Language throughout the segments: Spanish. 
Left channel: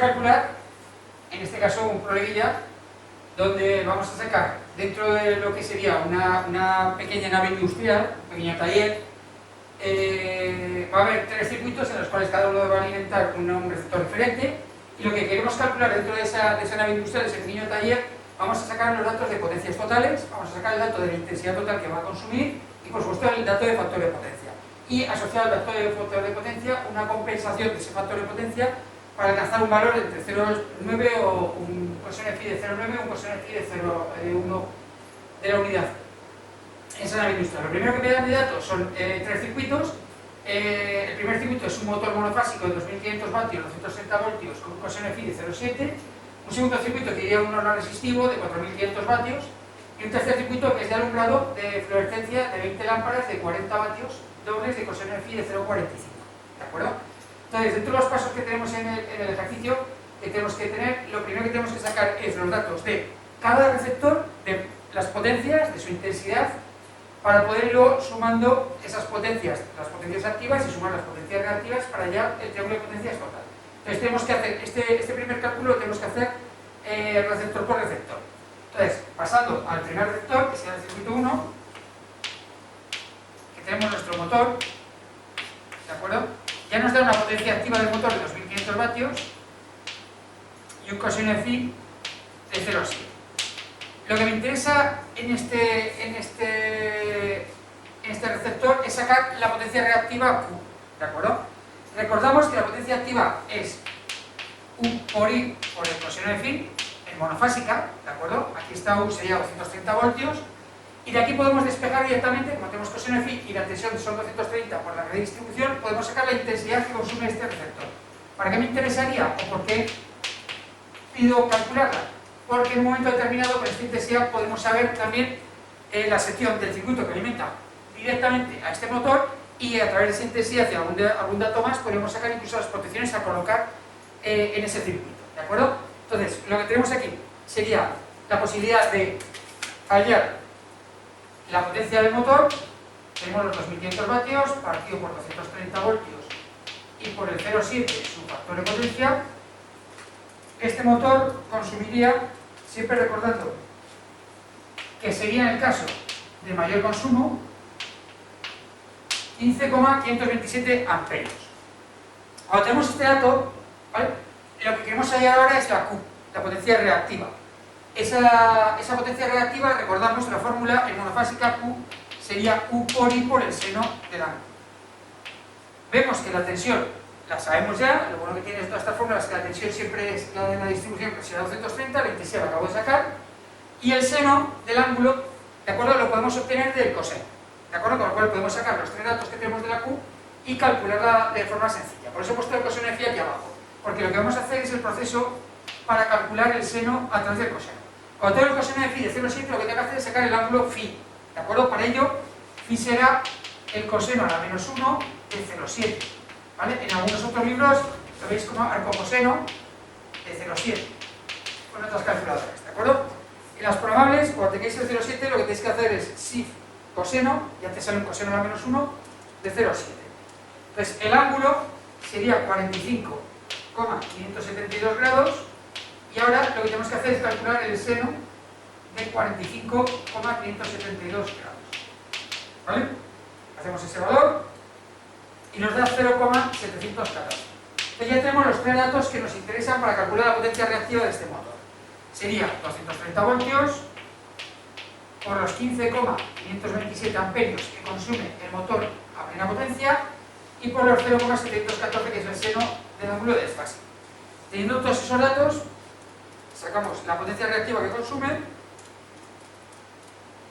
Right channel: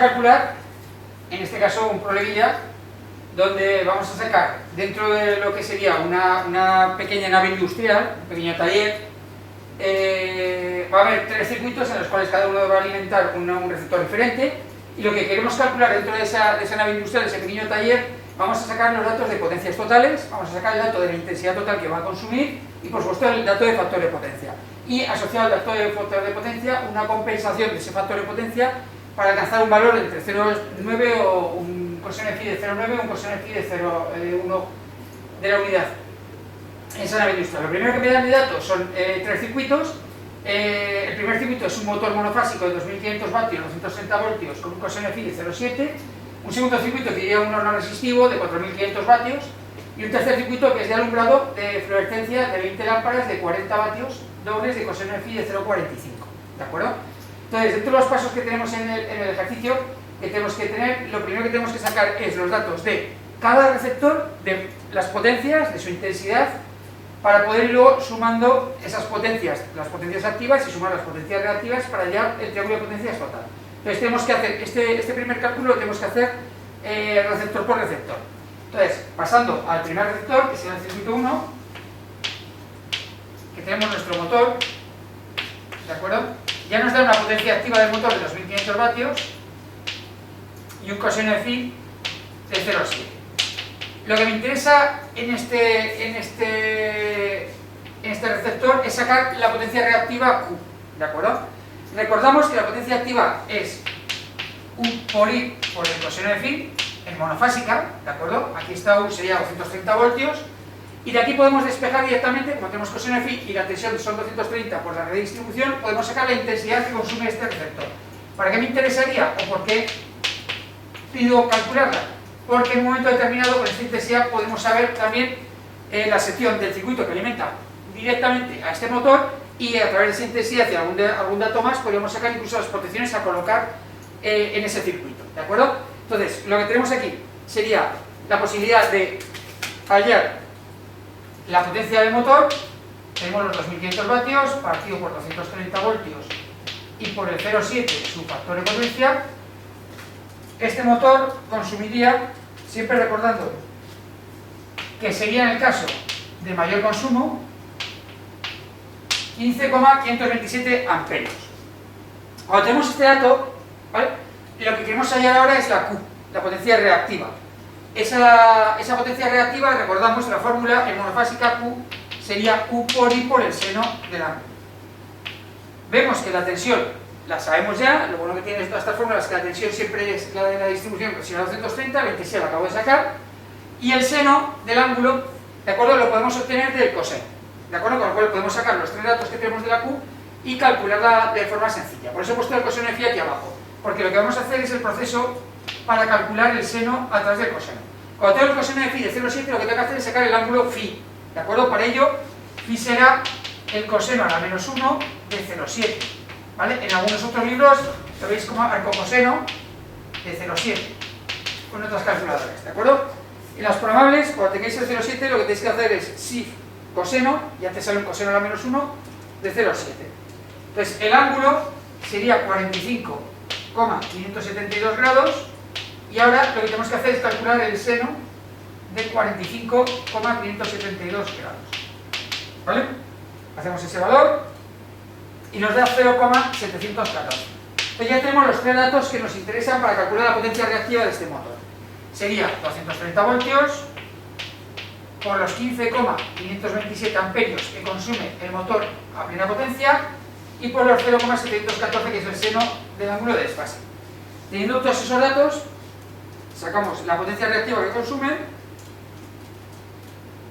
calcular, en este caso, un problemilla donde vamos a sacar, dentro de lo que sería una pequeña nave industrial, un pequeño taller, va a haber 3 circuitos en los cuales cada uno va a alimentar un receptor diferente, y lo que queremos calcular dentro de esa nave industrial, de ese pequeño taller, vamos a sacar los datos de potencias totales, vamos a sacar el dato de la intensidad total que va a consumir y, por supuesto, el dato de factor de potencia. Y asociado al dato de factor de potencia, una compensación de ese factor de potencia para alcanzar un valor entre 0,9 o un coseno de phi de 0,9 o un coseno de phi de 0,1 de la unidad. Esa nave industrial. Lo primero que me dan de datos son 3 circuitos. El primer circuito es un motor monofásico de 2500 vatios, 230 voltios, con un coseno de phi de 0,7. Un segundo circuito que iría un horno resistivo de 4500 vatios. Y un tercer circuito que es de alumbrado de fluorescencia de 20 lámparas de 40 vatios dobles de coseno de phi de 0,45. ¿De acuerdo? Entonces, dentro de los pasos que tenemos en el ejercicio, que tenemos que tener, lo primero que tenemos que sacar es los datos de cada receptor, de las potencias, de su intensidad, para poder ir luego sumando esas potencias, las potencias activas, y sumar las potencias reactivas para hallar el triángulo de potencias total. Entonces tenemos que hacer, este primer cálculo lo tenemos que hacer receptor por receptor. Entonces, pasando al primer receptor, que será el circuito 1, que tenemos nuestro motor, ¿de acuerdo? Ya nos da una potencia activa del motor de 2500 vatios y un coseno de phi de 0,7. Lo que me interesa en este receptor es sacar la potencia reactiva Q, ¿de acuerdo? Recordamos que la potencia activa es U por I por el coseno de phi, en monofásica, ¿de acuerdo? Aquí está U, sería 230 voltios, y de aquí podemos despejar directamente, como tenemos coseno de phi y la tensión son 230 por la redistribución, podemos sacar la intensidad que consume este receptor. ¿Para qué me interesaría o por qué pido calcularla? Porque en un momento determinado con esta intensidad podemos saber también la sección del circuito que alimenta directamente a este motor, y a través de esa intensidad y algún dato más podríamos sacar incluso las protecciones a colocar en ese circuito, ¿de acuerdo? Entonces, lo que tenemos aquí sería la posibilidad de hallar la potencia del motor. Tenemos los 2500 vatios partido por 230 voltios y por el 0,7 su factor de potencia. Este motor consumiría, siempre recordando que sería en el caso de mayor consumo, 15,527 amperios. Cuando tenemos este dato, ¿vale?, lo que queremos hallar ahora es la Q, la potencia reactiva. Esa potencia reactiva, recordamos la fórmula en monofásica, Q sería U por I por el seno del ángulo. Vemos que la tensión la sabemos ya. Lo bueno que tiene todas estas fórmulas es que la tensión siempre es la de la distribución, que será 230, la intensidad la acabo de sacar, y el seno del ángulo, ¿de acuerdo?, lo podemos obtener del coseno, ¿de acuerdo? Con lo cual podemos sacar los 3 datos que tenemos de la Q y calcularla de forma sencilla. Por eso he puesto el coseno de phi aquí abajo, porque lo que vamos a hacer es el proceso para calcular el seno a través del coseno. Cuando tengo el coseno de phi de 0,7, lo que tengo que hacer es sacar el ángulo phi, ¿de acuerdo? Para ello, phi será el coseno a la menos 1 de 0,7, ¿vale? En algunos otros libros lo veis como arcocoseno de 0,7, con otras calculadoras, ¿de acuerdo? En las programables, cuando tengáis el 0,7, lo que tenéis que hacer es si coseno, ya te sale un coseno a la menos 1 de 0,7. Entonces, el ángulo sería 45,572 grados, y ahora lo que tenemos que hacer es calcular el seno de 45,572 grados, ¿vale? Hacemos ese valor y nos da 0,714. Entonces ya tenemos los 3 datos que nos interesan para calcular la potencia reactiva de este motor. Sería 230 voltios por los 15,527 amperios que consume el motor a plena potencia, y por los 0,714, que es el seno del ángulo de desfase. Teniendo todos esos datos, sacamos la potencia reactiva que consume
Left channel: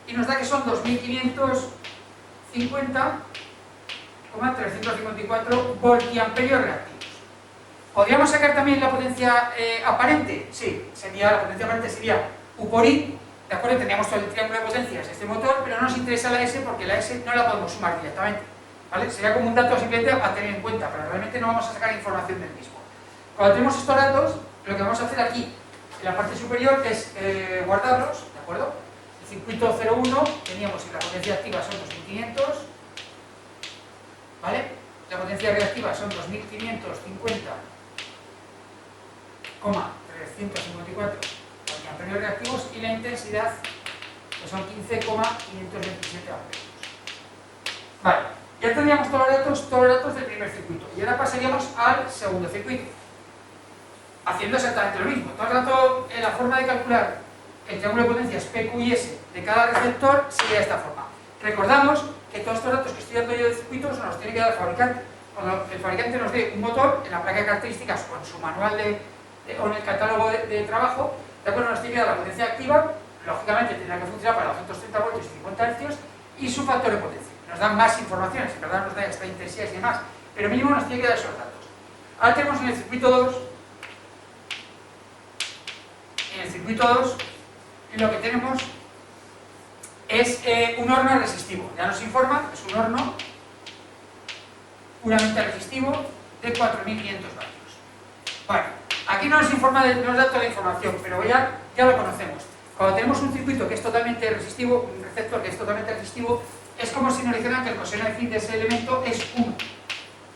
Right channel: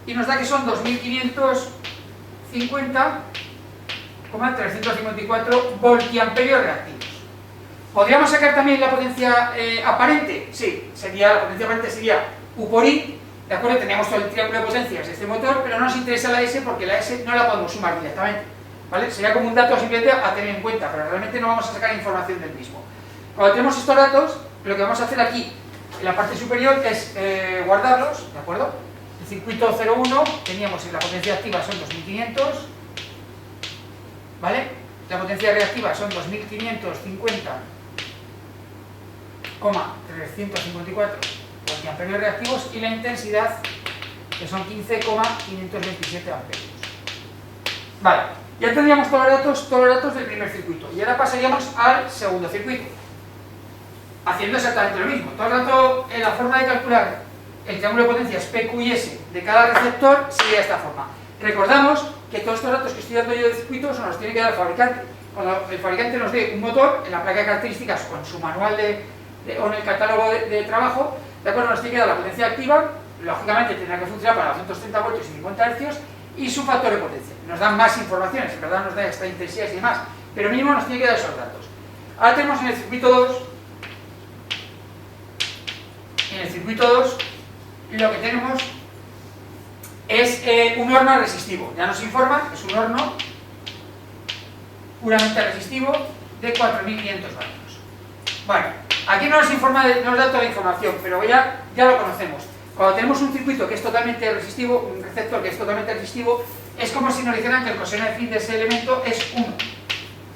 y nos da que son 2550,354 voltiamperios reactivos. ¿Podríamos sacar también la potencia aparente? Sí, la potencia aparente sería U por I, ¿de acuerdo? Teníamos todo el triángulo de potencias de este motor, pero no nos interesa la S porque la S no la podemos sumar directamente, ¿vale? Sería como un dato simplemente a tener en cuenta, pero realmente no vamos a sacar información del mismo. Cuando tenemos estos datos, lo que vamos a hacer aquí en la parte superior es guardarlos, ¿de acuerdo? El circuito 01 teníamos en la potencia activa son 2500, ¿vale? La potencia reactiva son 2550 voltiamperios reactivos y la intensidad, que son 15,527 amperios. Vale, ya tendríamos todos los datos del primer circuito y ahora pasaríamos al segundo circuito, haciendo exactamente lo mismo. Todo el rato la forma de calcular el triángulo de potencias P, Q y S de cada receptor sería de esta forma. Recordamos que todos estos datos que estoy dando yo de circuitos nos los tiene que dar el fabricante. Cuando el fabricante nos dé un motor, en la placa de características o en su manual o en el catálogo de trabajo, de acuerdo, nos tiene que dar la potencia activa, lógicamente tendrá que funcionar para 230 voltios y 50 Hz, y su factor de potencia. Nos dan más informaciones, en verdad nos da esta intensidad y demás, pero mínimo nos tiene que dar esos datos. Ahora tenemos en el circuito 2, lo que tenemos es un horno resistivo. Ya nos informa, es un horno puramente resistivo de 4.500 vatios. Bueno, aquí no nos informa, no nos da toda la información, pero ya lo conocemos. Cuando tenemos un circuito que es totalmente resistivo, un receptor que es totalmente resistivo, es como si nos dijeran que el coseno de phi de ese elemento es 1.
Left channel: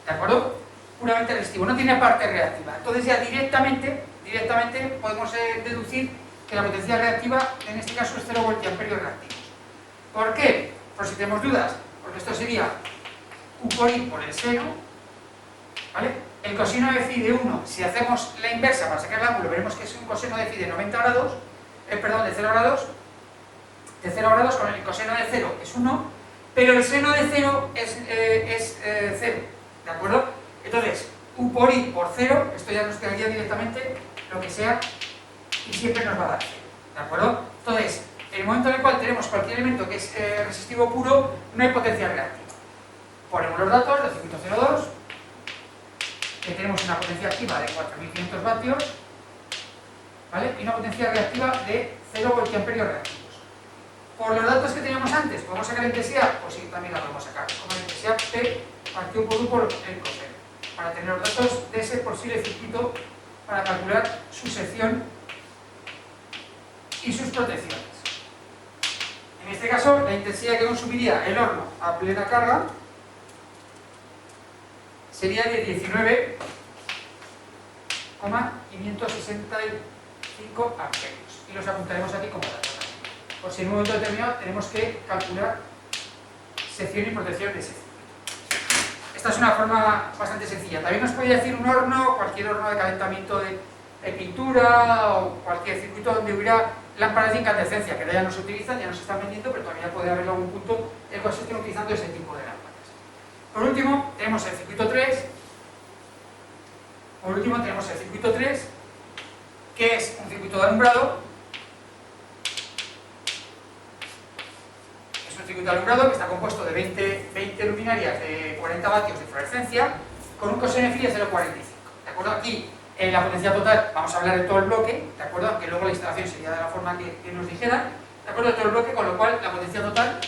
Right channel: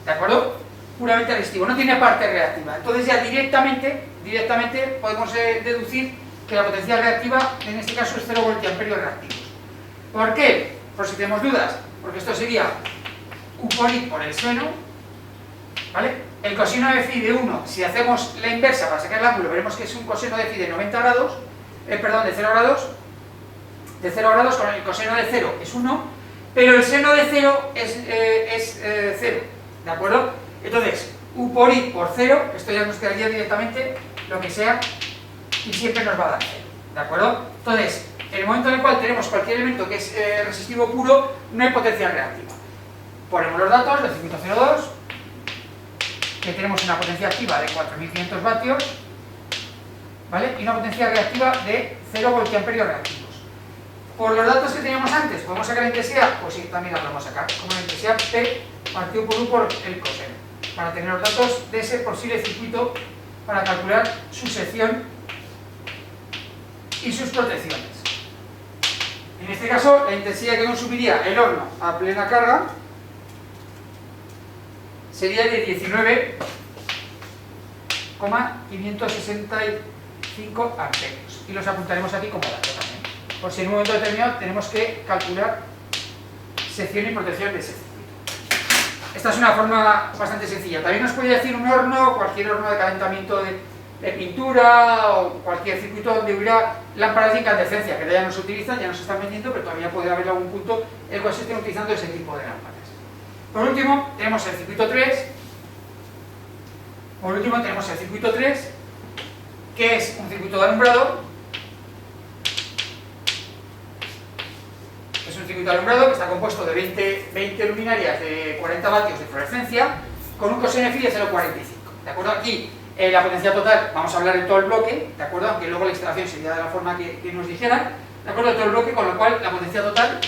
¿De acuerdo? Puramente resistivo, no tiene parte reactiva. Entonces ya directamente podemos deducir que la potencia reactiva en este caso es 0 voltiamperios reactivos. ¿Por qué? Por si tenemos dudas, porque esto sería U por I por el seno, ¿vale? El coseno de phi de 1, si hacemos la inversa para sacar el ángulo, veremos que es un coseno de phi de 90 grados, de 0 grados, con el coseno de 0 es 1, pero el seno de 0 es 0, ¿de acuerdo? Entonces, U por I por 0, esto ya nos quedaría directamente lo que sea, y siempre nos va a dar 0, ¿de acuerdo? Entonces, en el momento en el cual tenemos cualquier elemento que es resistivo puro, no hay potencia reactiva. Ponemos los datos del circuito 02, que tenemos una potencia activa de 4.500 vatios, ¿vale? Y una potencia reactiva de 0 voltiamperios reactivos. Por los datos que teníamos antes, ¿podemos sacar la intensidad? Pues sí, también la podemos sacar, como la intensidad P partido por U por el coseno, para tener los datos de ese posible circuito para calcular su sección y sus protecciones. En este caso, la intensidad que consumiría el horno a plena carga sería de 19,565 amperios. Y los apuntaremos aquí como dato también. Por si en un momento determinado tenemos que calcular sección y protección de ese circuito. Esta es una forma bastante sencilla. También nos podría decir un horno, cualquier horno de calentamiento de pintura o cualquier circuito donde hubiera lámparas de incandescencia, que ya no se utilizan, ya no se están vendiendo, pero todavía puede haber algún punto en el cual se estén utilizando ese tipo de lámparas. Por último, tenemos el circuito 3. Que es un circuito de alumbrado. Es un circuito de alumbrado que está compuesto de 20 luminarias de 40 vatios de fluorescencia con un coseno de phi de 0,45. ¿De acuerdo? Aquí la potencia total, vamos a hablar de todo el bloque, ¿de acuerdo? Aunque luego la instalación sería de la forma que nos dijeran, ¿de acuerdo? De todo el bloque, con lo cual la potencia total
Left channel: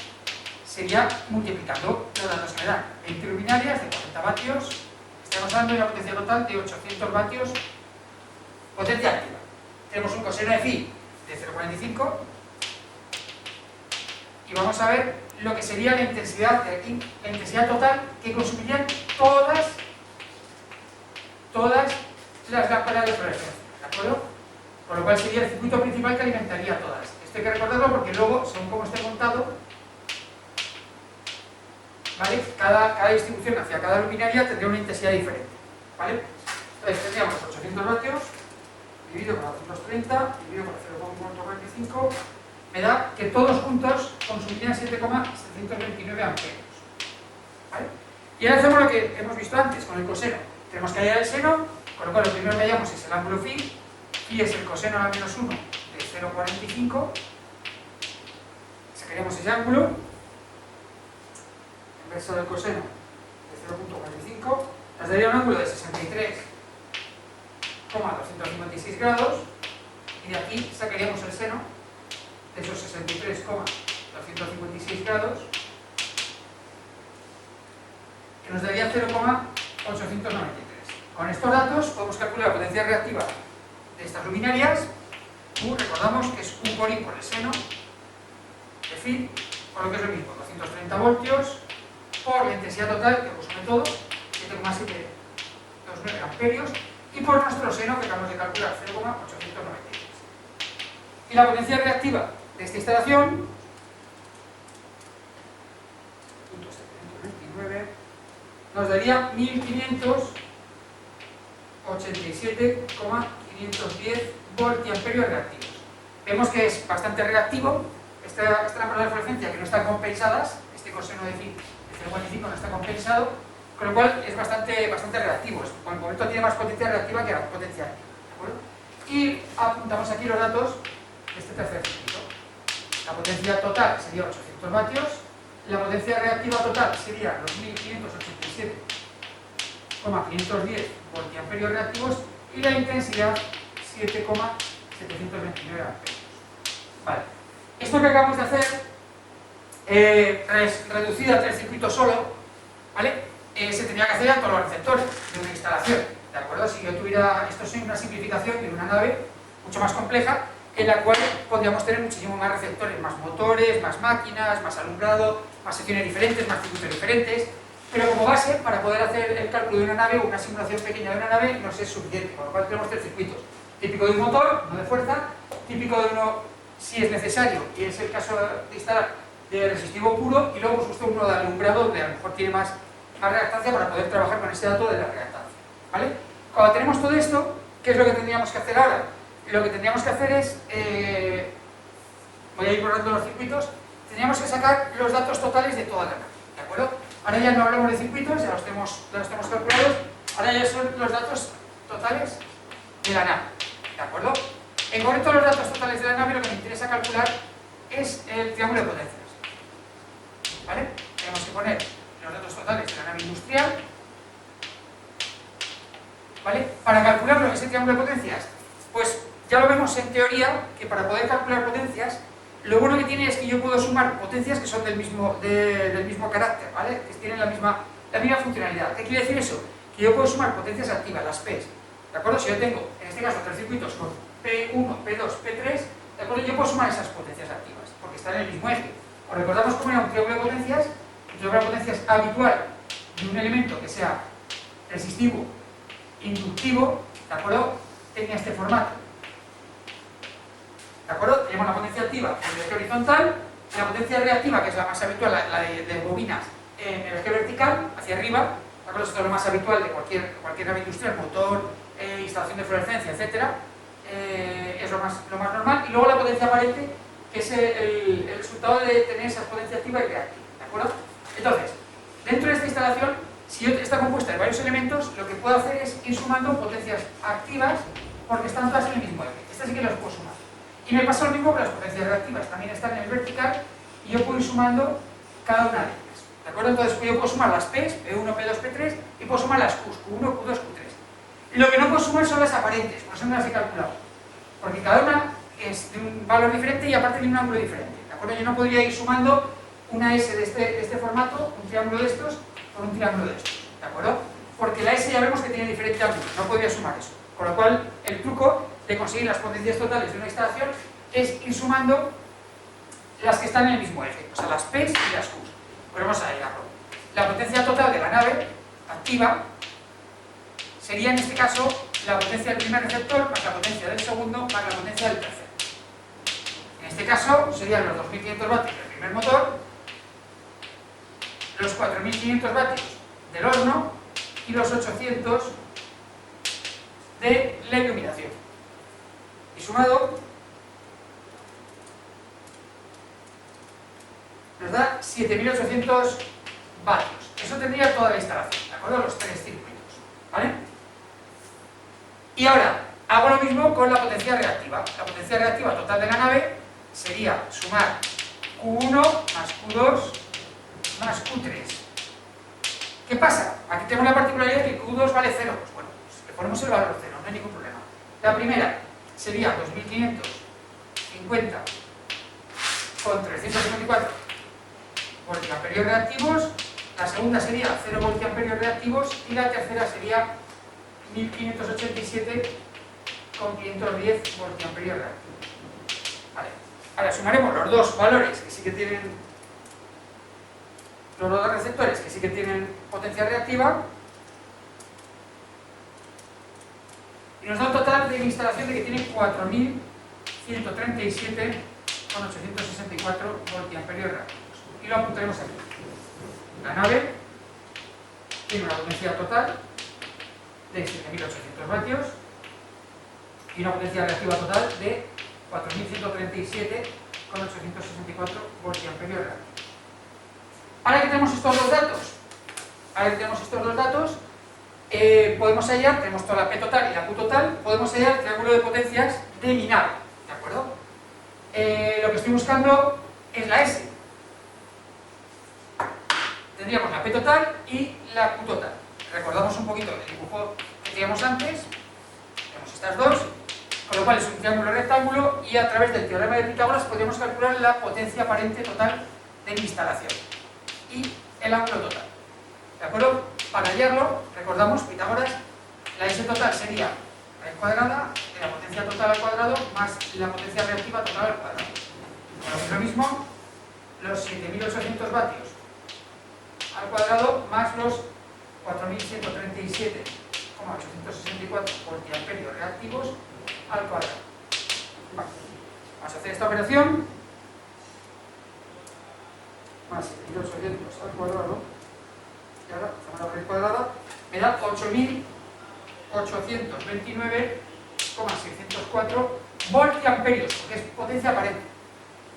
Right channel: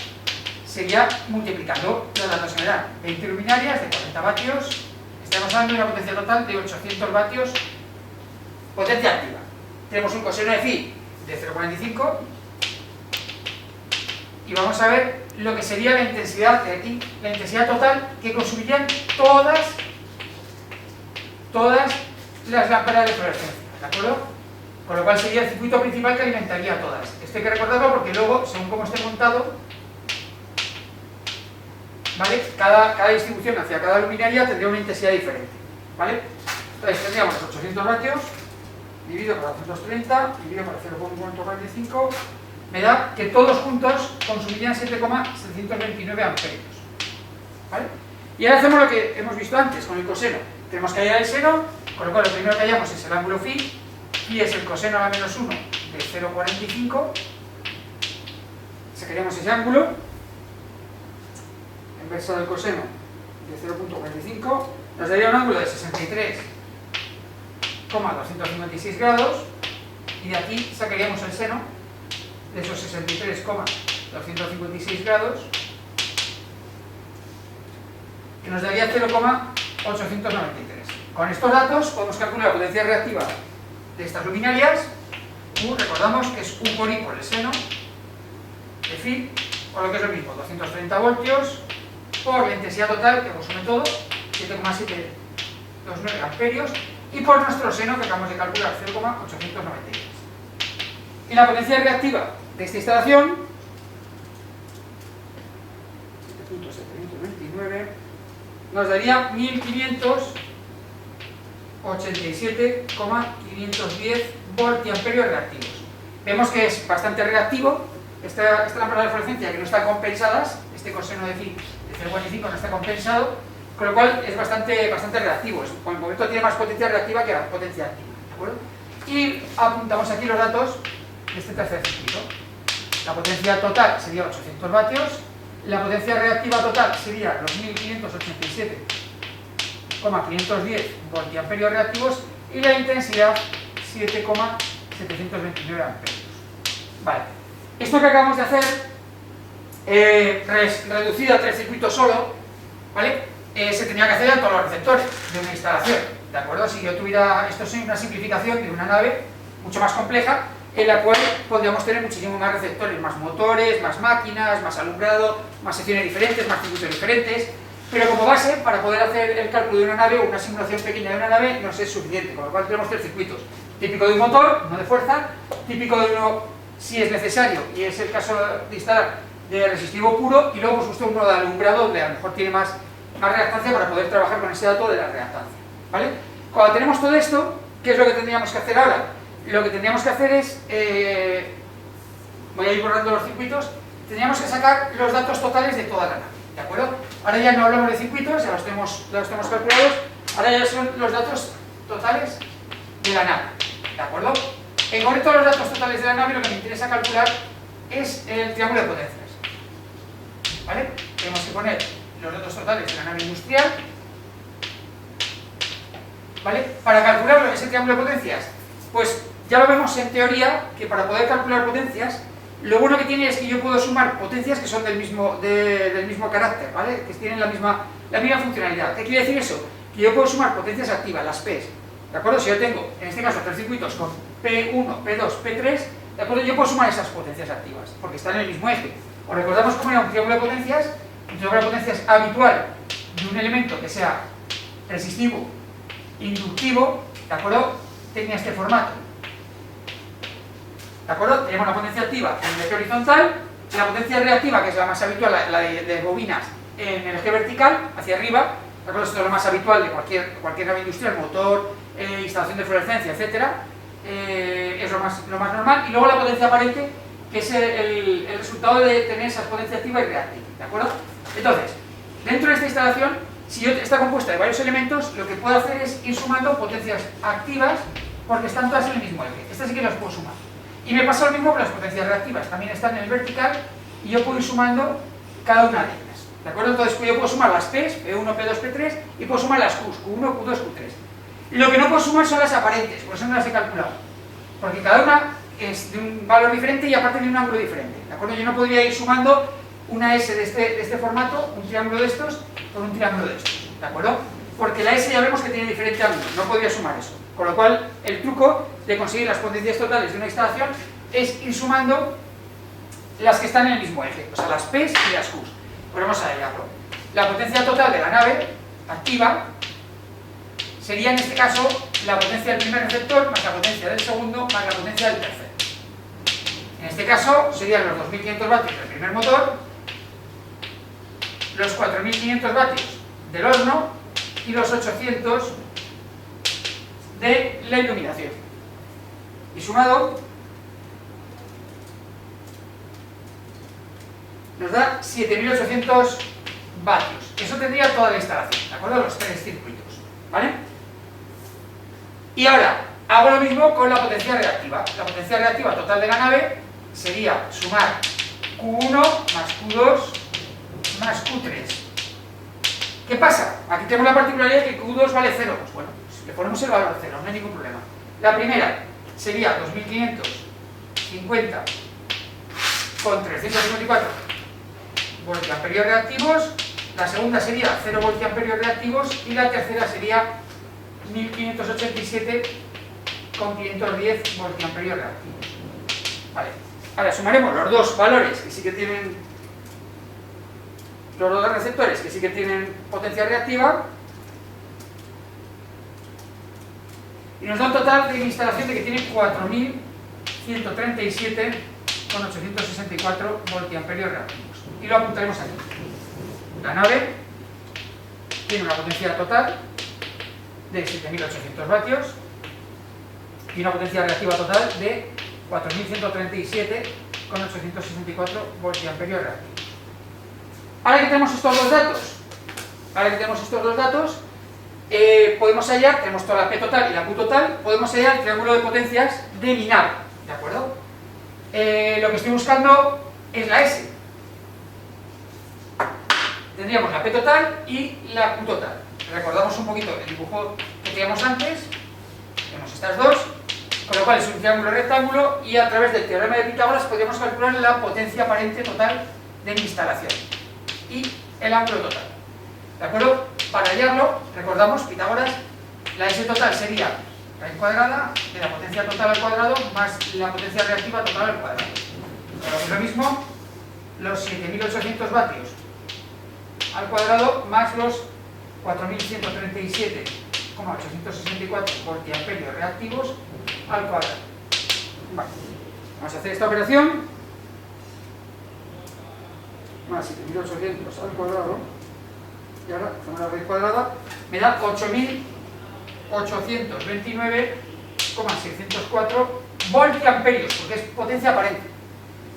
sería multiplicando los datos que me dan. 20 luminarias de 40 vatios, estamos hablando de una potencia total de 800 vatios, potencia activa. Tenemos un coseno de phi de 0,45 y vamos a ver lo que sería la intensidad de aquí, la intensidad total que consumirían todas las lámparas de fluorescencia, ¿de acuerdo? Con lo cual sería el circuito principal que alimentaría a todas. Esto hay que recordarlo porque luego, según cómo esté montado, ¿vale? Cada distribución hacia cada luminaria tendría una intensidad diferente, ¿vale? Entonces tendríamos los 800 vatios dividido por 230 dividido por 0,45, me da que todos juntos consumirían 7,729 amperios, ¿vale? Y ahora hacemos lo que hemos visto antes con el coseno. Tenemos que hallar el seno, con lo cual lo primero que hallamos es el ángulo phi. Phi es el coseno a la menos 1 de 0,45. Sacaríamos ese ángulo inverso del coseno de 0,45, nos daría un ángulo de 63,256 grados, y de aquí sacaríamos el seno de esos 63,256 grados, que nos daría 0,893. Con estos datos podemos calcular la potencia reactiva de estas luminarias. U, recordamos que es U por I por el seno de phi, o lo que es lo mismo, 230 voltios por la intensidad total que consume todo, 7,729 amperios, y por nuestro seno que acabamos de calcular, 0,893. Y la potencia reactiva de esta instalación, 7.729, nos daría 1587,510 voltiamperios reactivos. Vemos que es bastante reactivo. Esta lámpara de fluorescencia que no está compensadas, este coseno de phi de 0,45 no está compensado, con lo cual es bastante reactivo. Por el momento tiene más potencia reactiva que la potencia activa, ¿de acuerdo? Y apuntamos aquí los datos de este tercer circuito. La potencia total sería 800 vatios, la potencia reactiva total sería los 1587,510 voltiamperios reactivos y la intensidad 7,729 amperios. Vale. Esto que acabamos de hacer, reducido a 3 circuitos solo, ¿vale? Se tenía que hacer a todos los receptores de una instalación, ¿de acuerdo? Si yo tuviera, esto es una simplificación de una nave mucho más compleja, en la cual podríamos tener muchísimo más receptores, más motores, más máquinas, más alumbrado, más secciones diferentes, más circuitos diferentes, pero como base, para poder hacer el cálculo de una nave o una simulación pequeña de una nave, nos es suficiente, con lo cual tenemos 3 circuitos. Típico de un motor, no de fuerza, típico de uno, si es necesario, y es el caso de instalar, de resistivo puro, y luego pues usted uno de alumbrado, donde a lo mejor tiene más reactancia para poder trabajar con ese dato de la reactancia, ¿vale? Cuando tenemos todo esto, ¿qué es lo que tendríamos que hacer ahora? Lo que tendríamos que hacer es, voy a ir borrando los circuitos, tendríamos que sacar los datos totales de toda la nave, ¿de acuerdo? Ahora ya no hablamos de circuitos, ya los tenemos calculados, ahora ya son los datos totales de la nave, ¿de acuerdo? En concreto, los datos totales de la nave, lo que me interesa calcular es el triángulo de potencias, ¿vale? Tenemos que poner los datos totales de la nave industrial, ¿vale? Para calcular ese triángulo de potencias, pues ya lo vemos en teoría, que para poder calcular potencias, lo bueno que tiene es que yo puedo sumar potencias que son del mismo carácter, ¿vale? Que tienen la misma funcionalidad. ¿Qué quiere decir eso? Que yo puedo sumar potencias activas, las P's, ¿de acuerdo? Si yo tengo, en este caso, 3 circuitos con P1, P2, P3, ¿de acuerdo? Yo puedo sumar esas potencias activas, porque están en el mismo eje. ¿Os recordamos cómo era un triángulo de potencias? Un triángulo de potencias habitual de un elemento que sea resistivo, inductivo, ¿de acuerdo? Tenía este formato, ¿de acuerdo? Teníamos la potencia activa en el eje horizontal, la potencia reactiva, que es la más habitual, la de bobinas, en el eje vertical, hacia arriba, ¿de acuerdo? Esto es lo más habitual de cualquier nave industrial, motor, instalación de fluorescencia, etcétera, es lo más normal, y luego la potencia aparente, que es el resultado de tener esas potencias activa y reactiva, ¿de acuerdo? Entonces, dentro de esta instalación, si está compuesta de varios elementos, lo que puedo hacer es ir sumando potencias activas, porque están todas en el mismo eje. Estas sí que las puedo sumar. Y me pasa lo mismo con las potencias reactivas, también están en el vertical, y yo puedo ir sumando cada una de ellas, ¿de acuerdo? Entonces yo puedo sumar las P's, P1, P2, P3, y puedo sumar las Q's, Q1, Q2, Q3. Lo que no puedo sumar son las aparentes, por eso no las he calculado, porque cada una es de un valor diferente y aparte de un ángulo diferente, ¿de acuerdo? Yo no podría ir sumando una S de este formato, un triángulo de estos, con un triángulo de estos, ¿de acuerdo? Porque la S ya vemos que tiene diferente ángulo, no podría sumar eso. Con lo cual, el truco de conseguir las potencias totales de una instalación es ir sumando las que están en el mismo eje, o sea, las P's y las Q's. Pues vamos a ello. La potencia total de la nave activa sería, en este caso, la potencia del primer receptor más la potencia del segundo más la potencia del tercero. En este caso, serían los 2500 vatios del primer motor, los 4500 vatios del horno y los 800 de la iluminación. Y sumado nos da 7800 vatios. Eso tendría toda la instalación, ¿de acuerdo? Los 3 circuitos, ¿vale? Y ahora, hago lo mismo con la potencia reactiva. La potencia reactiva total de la nave sería sumar Q1 más Q2 más Q3. ¿Qué pasa? Aquí tenemos la particularidad que Q2 vale 0. Pues bueno, le ponemos el valor 0, no hay ningún problema. La primera sería 2550 con 354 voltiamperios reactivos, la segunda sería 0 voltiamperios reactivos y la tercera sería 1587 con 510 voltiamperios reactivos. Vale. Ahora sumaremos los dos valores que sí que tienen, los dos receptores que sí que tienen potencia reactiva, y nos da un total de instalación de que tiene 4137,864 voltiamperios reactivos. Y lo apuntaremos aquí. La nave tiene una potencia total de 7800 vatios y una potencia reactiva total de 4137,864 voltiamperios reactivos. Ahora que tenemos estos dos datos, podemos hallar, tenemos toda la P total y la Q total, podemos hallar el triángulo de potencias de mi nave, ¿de acuerdo? Lo que estoy buscando es la S. Tendríamos la P total y la Q total. Recordamos un poquito el dibujo que teníamos antes, tenemos estas dos, con lo cual es un triángulo rectángulo y a través del teorema de Pitágoras podríamos calcular la potencia aparente total de mi instalación y el ángulo total. ¿De acuerdo? Para hallarlo, recordamos, Pitágoras, la S total sería raíz cuadrada de la potencia total al cuadrado más la potencia reactiva total al cuadrado. Pero es lo mismo, los 7800 vatios al cuadrado más los 4137,864 voltiamperios reactivos al cuadrado. Vale. Vamos a hacer esta operación. Más 7800 al cuadrado. Y ahora hacemos la raíz cuadrada. Me da 8829,604 voltiamperios, porque es potencia aparente.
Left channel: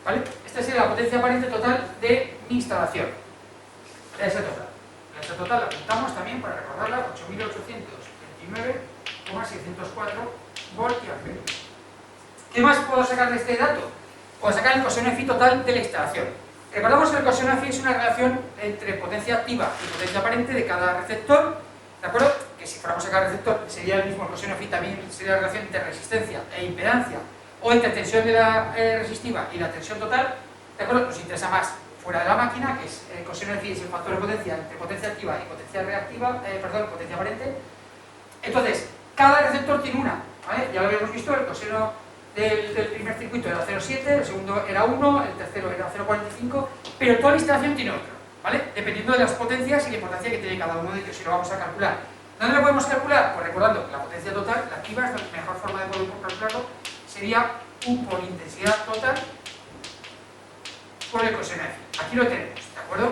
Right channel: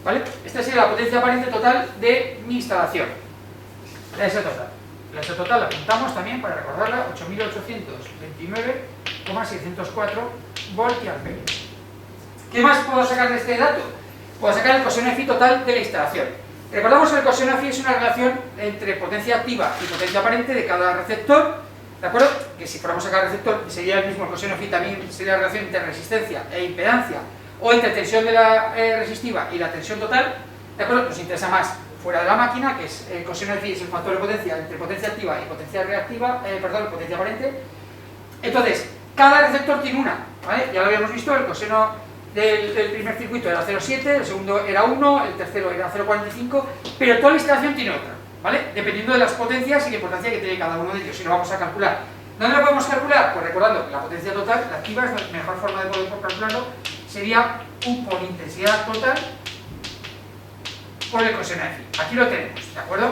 ¿Vale? Esta sería la potencia aparente total de mi instalación. La S total. La S total la apuntamos también para recordarla, 8829,604 voltiamperios. ¿Qué más puedo sacar de este dato? Puedo sacar el coseno de phi total de la instalación. Recordamos que el coseno de phi es una relación entre potencia activa y potencia aparente de cada receptor, ¿de acuerdo? Que si fuéramos a cada receptor sería el mismo, el coseno de phi también sería la relación entre resistencia e impedancia, o entre tensión de la resistiva y la tensión total, ¿de acuerdo? Nos interesa más fuera de la máquina, que es el coseno de phi es el factor de potencia entre potencia activa y potencia reactiva, potencia aparente. Entonces, cada receptor tiene una, ¿vale? Ya lo habíamos visto, el coseno del primer circuito era 0,7, el segundo era 1, el tercero era 0,45, pero toda la instalación tiene otra, ¿vale? Dependiendo de las potencias y la importancia que tiene cada uno de ellos, y lo vamos a calcular. ¿Dónde lo podemos calcular? Pues recordando que la potencia total, la activa, es la mejor forma de poder calcularlo, sería U por intensidad total por el coseno de phi. Aquí lo tenemos, ¿de acuerdo?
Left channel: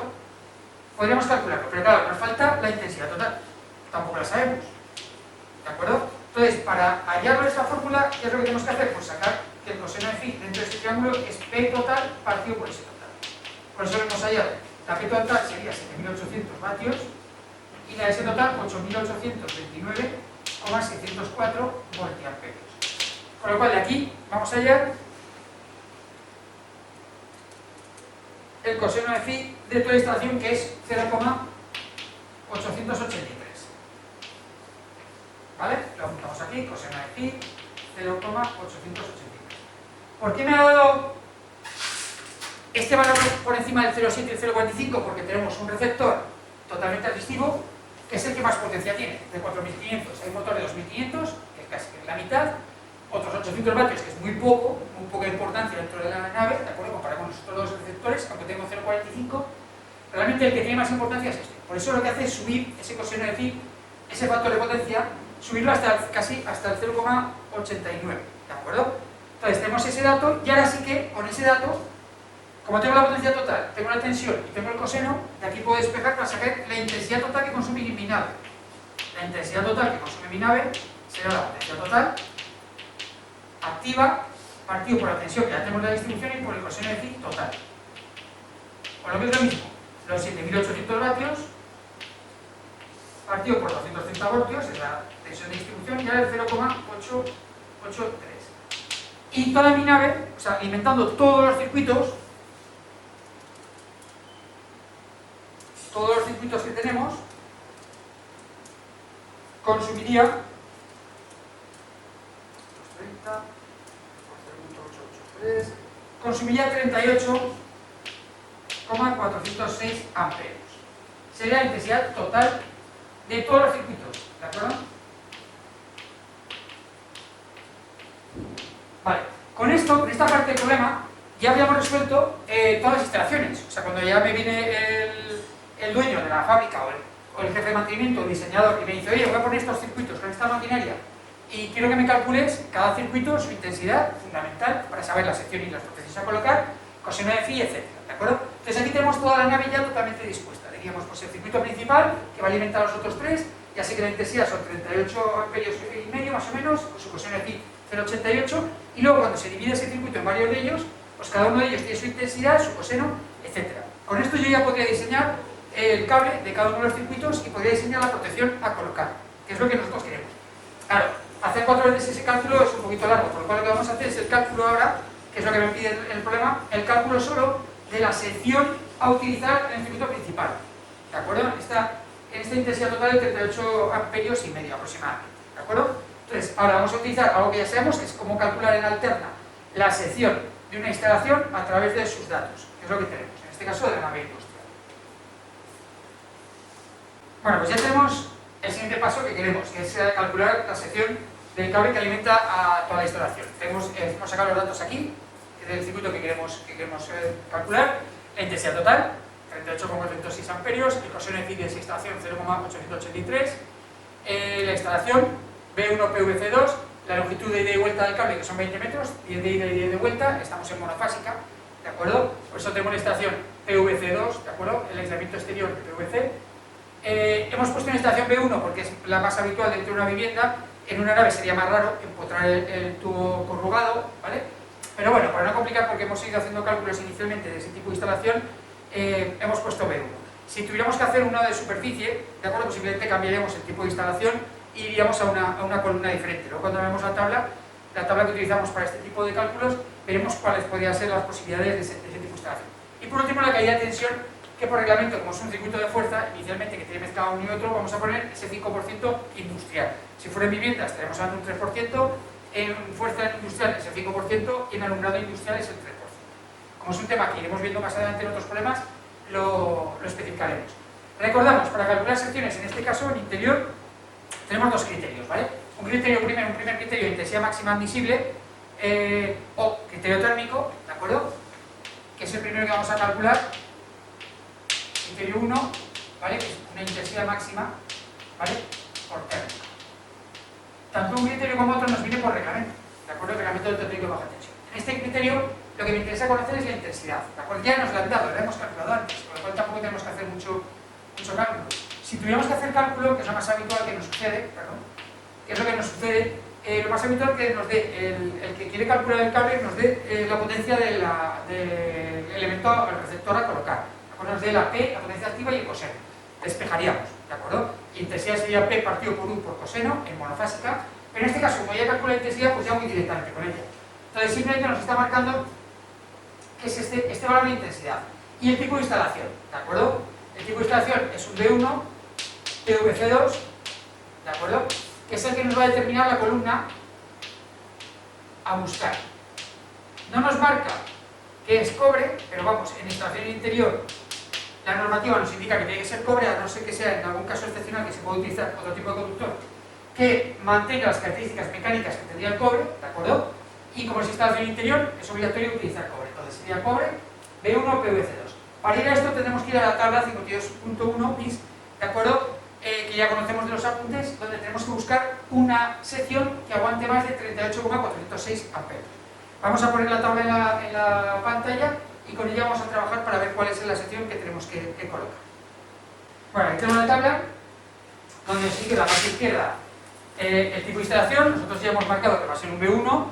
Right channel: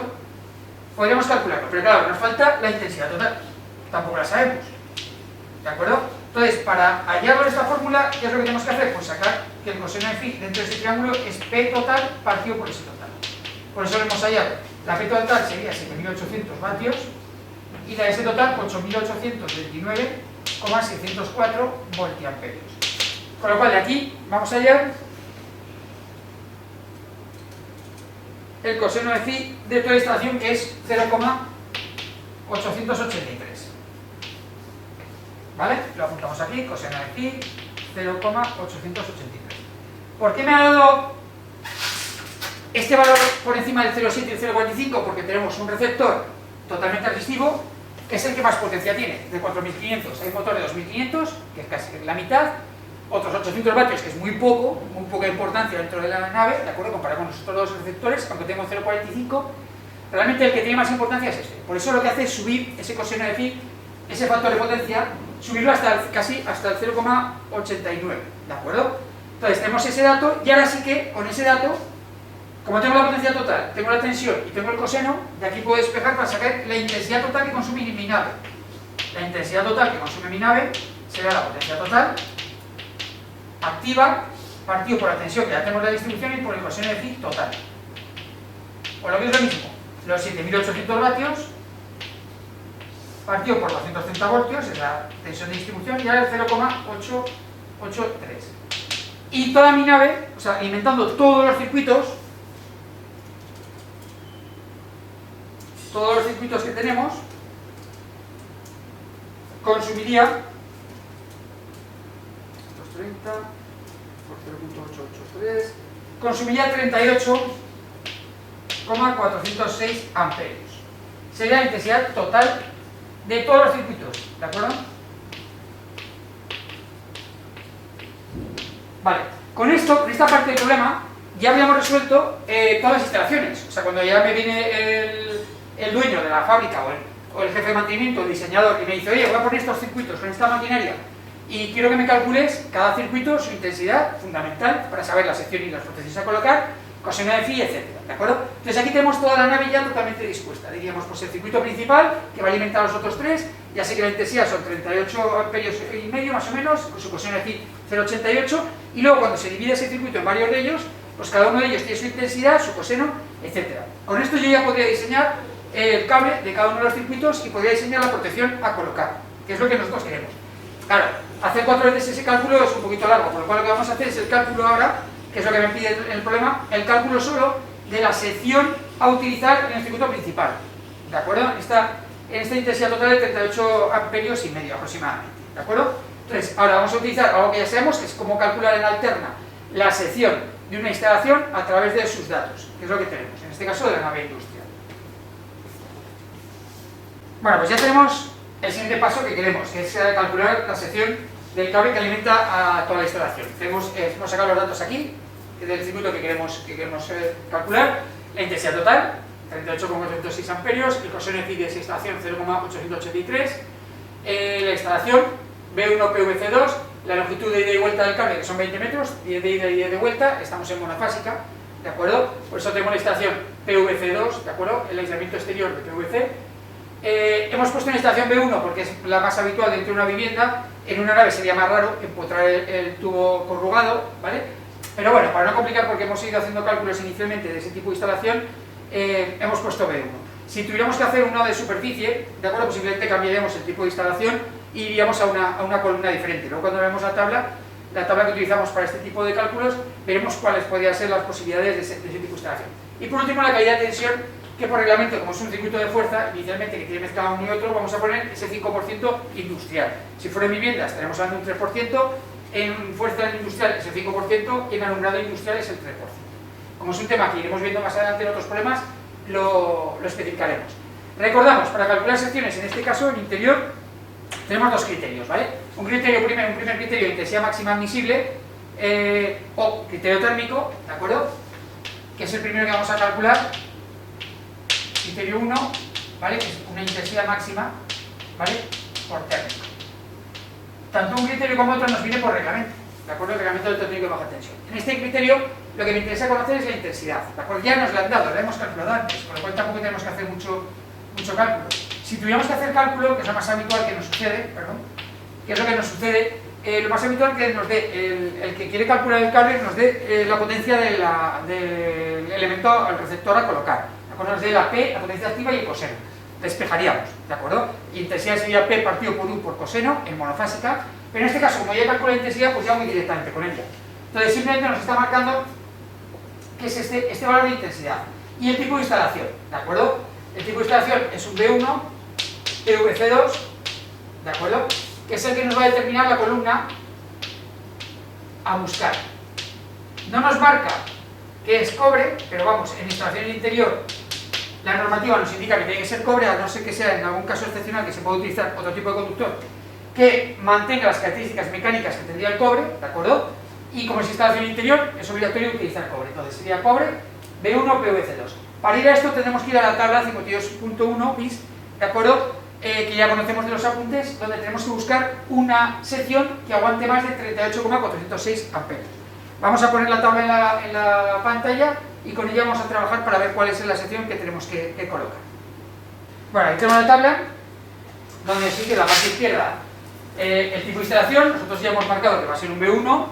Podríamos calcularlo, pero claro, nos falta la intensidad total. Tampoco la sabemos, ¿de acuerdo? Entonces, para hallarlo de esta fórmula, ¿qué es lo que tenemos que hacer? Pues sacar que el coseno de phi dentro de ese triángulo es P total partido por S total. Por eso lo hemos hallado. La P total sería 7800 vatios y la S total 8829,604 voltiamperios. Con lo cual, de aquí vamos a hallar el coseno de phi de toda la instalación, que es 0,883. ¿Vale? Lo apuntamos aquí, coseno de phi 0,883. ¿Por qué me ha dado este valor por encima del 0,7 y el 0,45? Porque tenemos un receptor totalmente resistivo, que es el que más potencia tiene, de 4500. Hay un motor de 2500, que es casi la mitad, otros 800 vatios, que es muy poca importancia dentro de la nave, ¿de acuerdo? Comparado con los otros dos receptores, aunque tengo 0,45, realmente el que tiene más importancia es este. Por eso lo que hace es subir ese coseno de phi, ese factor de potencia, subirlo casi hasta el 0,89, ¿de acuerdo? Entonces tenemos ese dato, y ahora sí que con ese dato, como tengo la potencia total, tengo la tensión y tengo el coseno, de aquí puedo despejar para sacar la intensidad total que consume mi nave. La intensidad total que consume mi nave será la potencia total activa partido por la tensión que ya tenemos de la distribución y por el coseno de phi total. O lo que es lo mismo, los 7800 vatios partido por 230 voltios es la tensión de distribución y ahora el 0,883. Y toda mi nave, o sea, alimentando todos los circuitos que tenemos, consumiría 230 por 0,883, consumiría 38,406 amperios. Sería la intensidad total de todos los circuitos, ¿de acuerdo? Vale, con esto, con esta parte del problema, ya habíamos resuelto todas las instalaciones. O sea, cuando ya me viene el dueño de la fábrica o el jefe de mantenimiento, el diseñador, y me dice, oye, voy a poner estos circuitos con esta maquinaria y quiero que me calcules cada circuito, su intensidad, fundamental, para saber la sección y las potencias a colocar, coseno de phi, etc. ¿De acuerdo? Entonces aquí tenemos toda la nave ya totalmente dispuesta. Diríamos, pues el circuito principal, que va a alimentar a los otros tres, ya sé que la intensidad son 38 amperios y medio, más o menos, con su coseno de phi 0,88, y luego cuando se divide ese circuito en varios de ellos, pues cada uno de ellos tiene su intensidad, su coseno, etc. Con esto yo ya podría diseñar el cable de cada uno de los circuitos y podría diseñar la protección a colocar, que es lo que nosotros queremos. Claro, hacer 4 veces ese cálculo es un poquito largo, por lo cual lo que vamos a hacer es el cálculo ahora, que es lo que me pide el problema, el cálculo solo de la sección a utilizar en el circuito principal. ¿De acuerdo? En esta intensidad total de 38 amperios y medio aproximadamente. ¿De acuerdo? Entonces, ahora vamos a utilizar algo que ya sabemos, que es cómo calcular en alterna la sección de una instalación a través de sus datos, que es lo que tenemos, en este caso de la nave industrial. Bueno, pues ya tenemos el siguiente paso que queremos, que es calcular la sección del cable que alimenta a toda la instalación. Hemos sacado los datos aquí, del circuito que queremos calcular, la intensidad total, 38,406 amperios, el coseno de phi de esa instalación 0,883, la instalación B1 PVC2, la longitud de ida y vuelta del cable, que son 20 metros, 10 de ida y 10 de vuelta, estamos en monofásica, ¿de acuerdo? Por eso tenemos la instalación PVC2, ¿de acuerdo? El aislamiento exterior de PVC. Hemos puesto una instalación B1 porque es la más habitual dentro de una vivienda. En una nave sería más raro empotrar el tubo corrugado, ¿vale? Pero bueno, para no complicar, porque hemos ido haciendo cálculos inicialmente de ese tipo de instalación, hemos puesto B1. Si tuviéramos que hacer uno de superficie, ¿de acuerdo? Pues simplemente cambiaríamos el tipo de instalación e iríamos a una columna diferente. Luego cuando veamos la tabla que utilizamos para este tipo de cálculos, veremos cuáles podrían ser las posibilidades de ese tipo de instalación. Y por último, la caída de tensión, que por reglamento, como es un circuito de fuerza, inicialmente que tiene mezclado uno y otro, vamos a poner ese 5% industrial. Si fuera en vivienda estaremos hablando de un 3%, en fuerza industrial es el 5% y en alumbrado industrial es el 3%. Como es un tema que iremos viendo más adelante en otros problemas, lo especificaremos. Recordamos, para calcular secciones, en este caso, en interior, tenemos dos criterios, ¿vale? Un primer criterio de intensidad máxima admisible, o criterio térmico, ¿de acuerdo? Que es el primero que vamos a calcular, criterio 1, ¿vale? Que es una intensidad máxima, ¿vale? Por térmico. Tanto un criterio como otro nos viene por reglamento, ¿de acuerdo? El reglamento del térmico de baja tensión. En este criterio, lo que me interesa conocer es la intensidad, ¿de acuerdo? Ya nos la han dado, la hemos calculado antes, con lo cual tampoco tenemos que hacer mucho cálculo. Si tuviéramos que hacer cálculo, que es lo más habitual que nos sucede, ¿qué es lo que nos sucede? Lo más habitual que nos dé, el que quiere calcular el cable, nos dé la potencia del elemento, el receptor a colocar, ¿de acuerdo? Nos dé la P, la potencia activa y el coseno. Despejaríamos, ¿de acuerdo? Y intensidad sería P partido por U por coseno, en monofásica, pero en este caso, como ya calcula la intensidad, pues ya voy directamente con ella. Entonces simplemente nos está marcando que es este valor de intensidad. Y el tipo de instalación, ¿de acuerdo? El tipo de instalación es un B1, PVC2, ¿de acuerdo? Que es el que nos va a determinar la columna a buscar. No nos marca que es cobre, pero vamos, en instalación interior la normativa nos indica que tiene que ser cobre, a no ser que sea en algún caso excepcional que se pueda utilizar otro tipo de conductor que mantenga las características mecánicas que tendría el cobre, ¿de acuerdo? Y como es instalación interior, es obligatorio utilizar cobre. Entonces sería cobre, B1, PVC2. Para ir a esto tendremos que ir a la tabla 52.1 bis, ¿de acuerdo? Que ya conocemos de los apuntes, donde tenemos que buscar una sección que aguante más de 38,406 amperios. Vamos a poner la tabla en la pantalla y con ella vamos a trabajar para ver cuál es la sección que tenemos que colocar. Bueno, ahí tenemos la tabla, donde sigue la parte izquierda el tipo de instalación. Nosotros ya hemos marcado que va a ser un B1,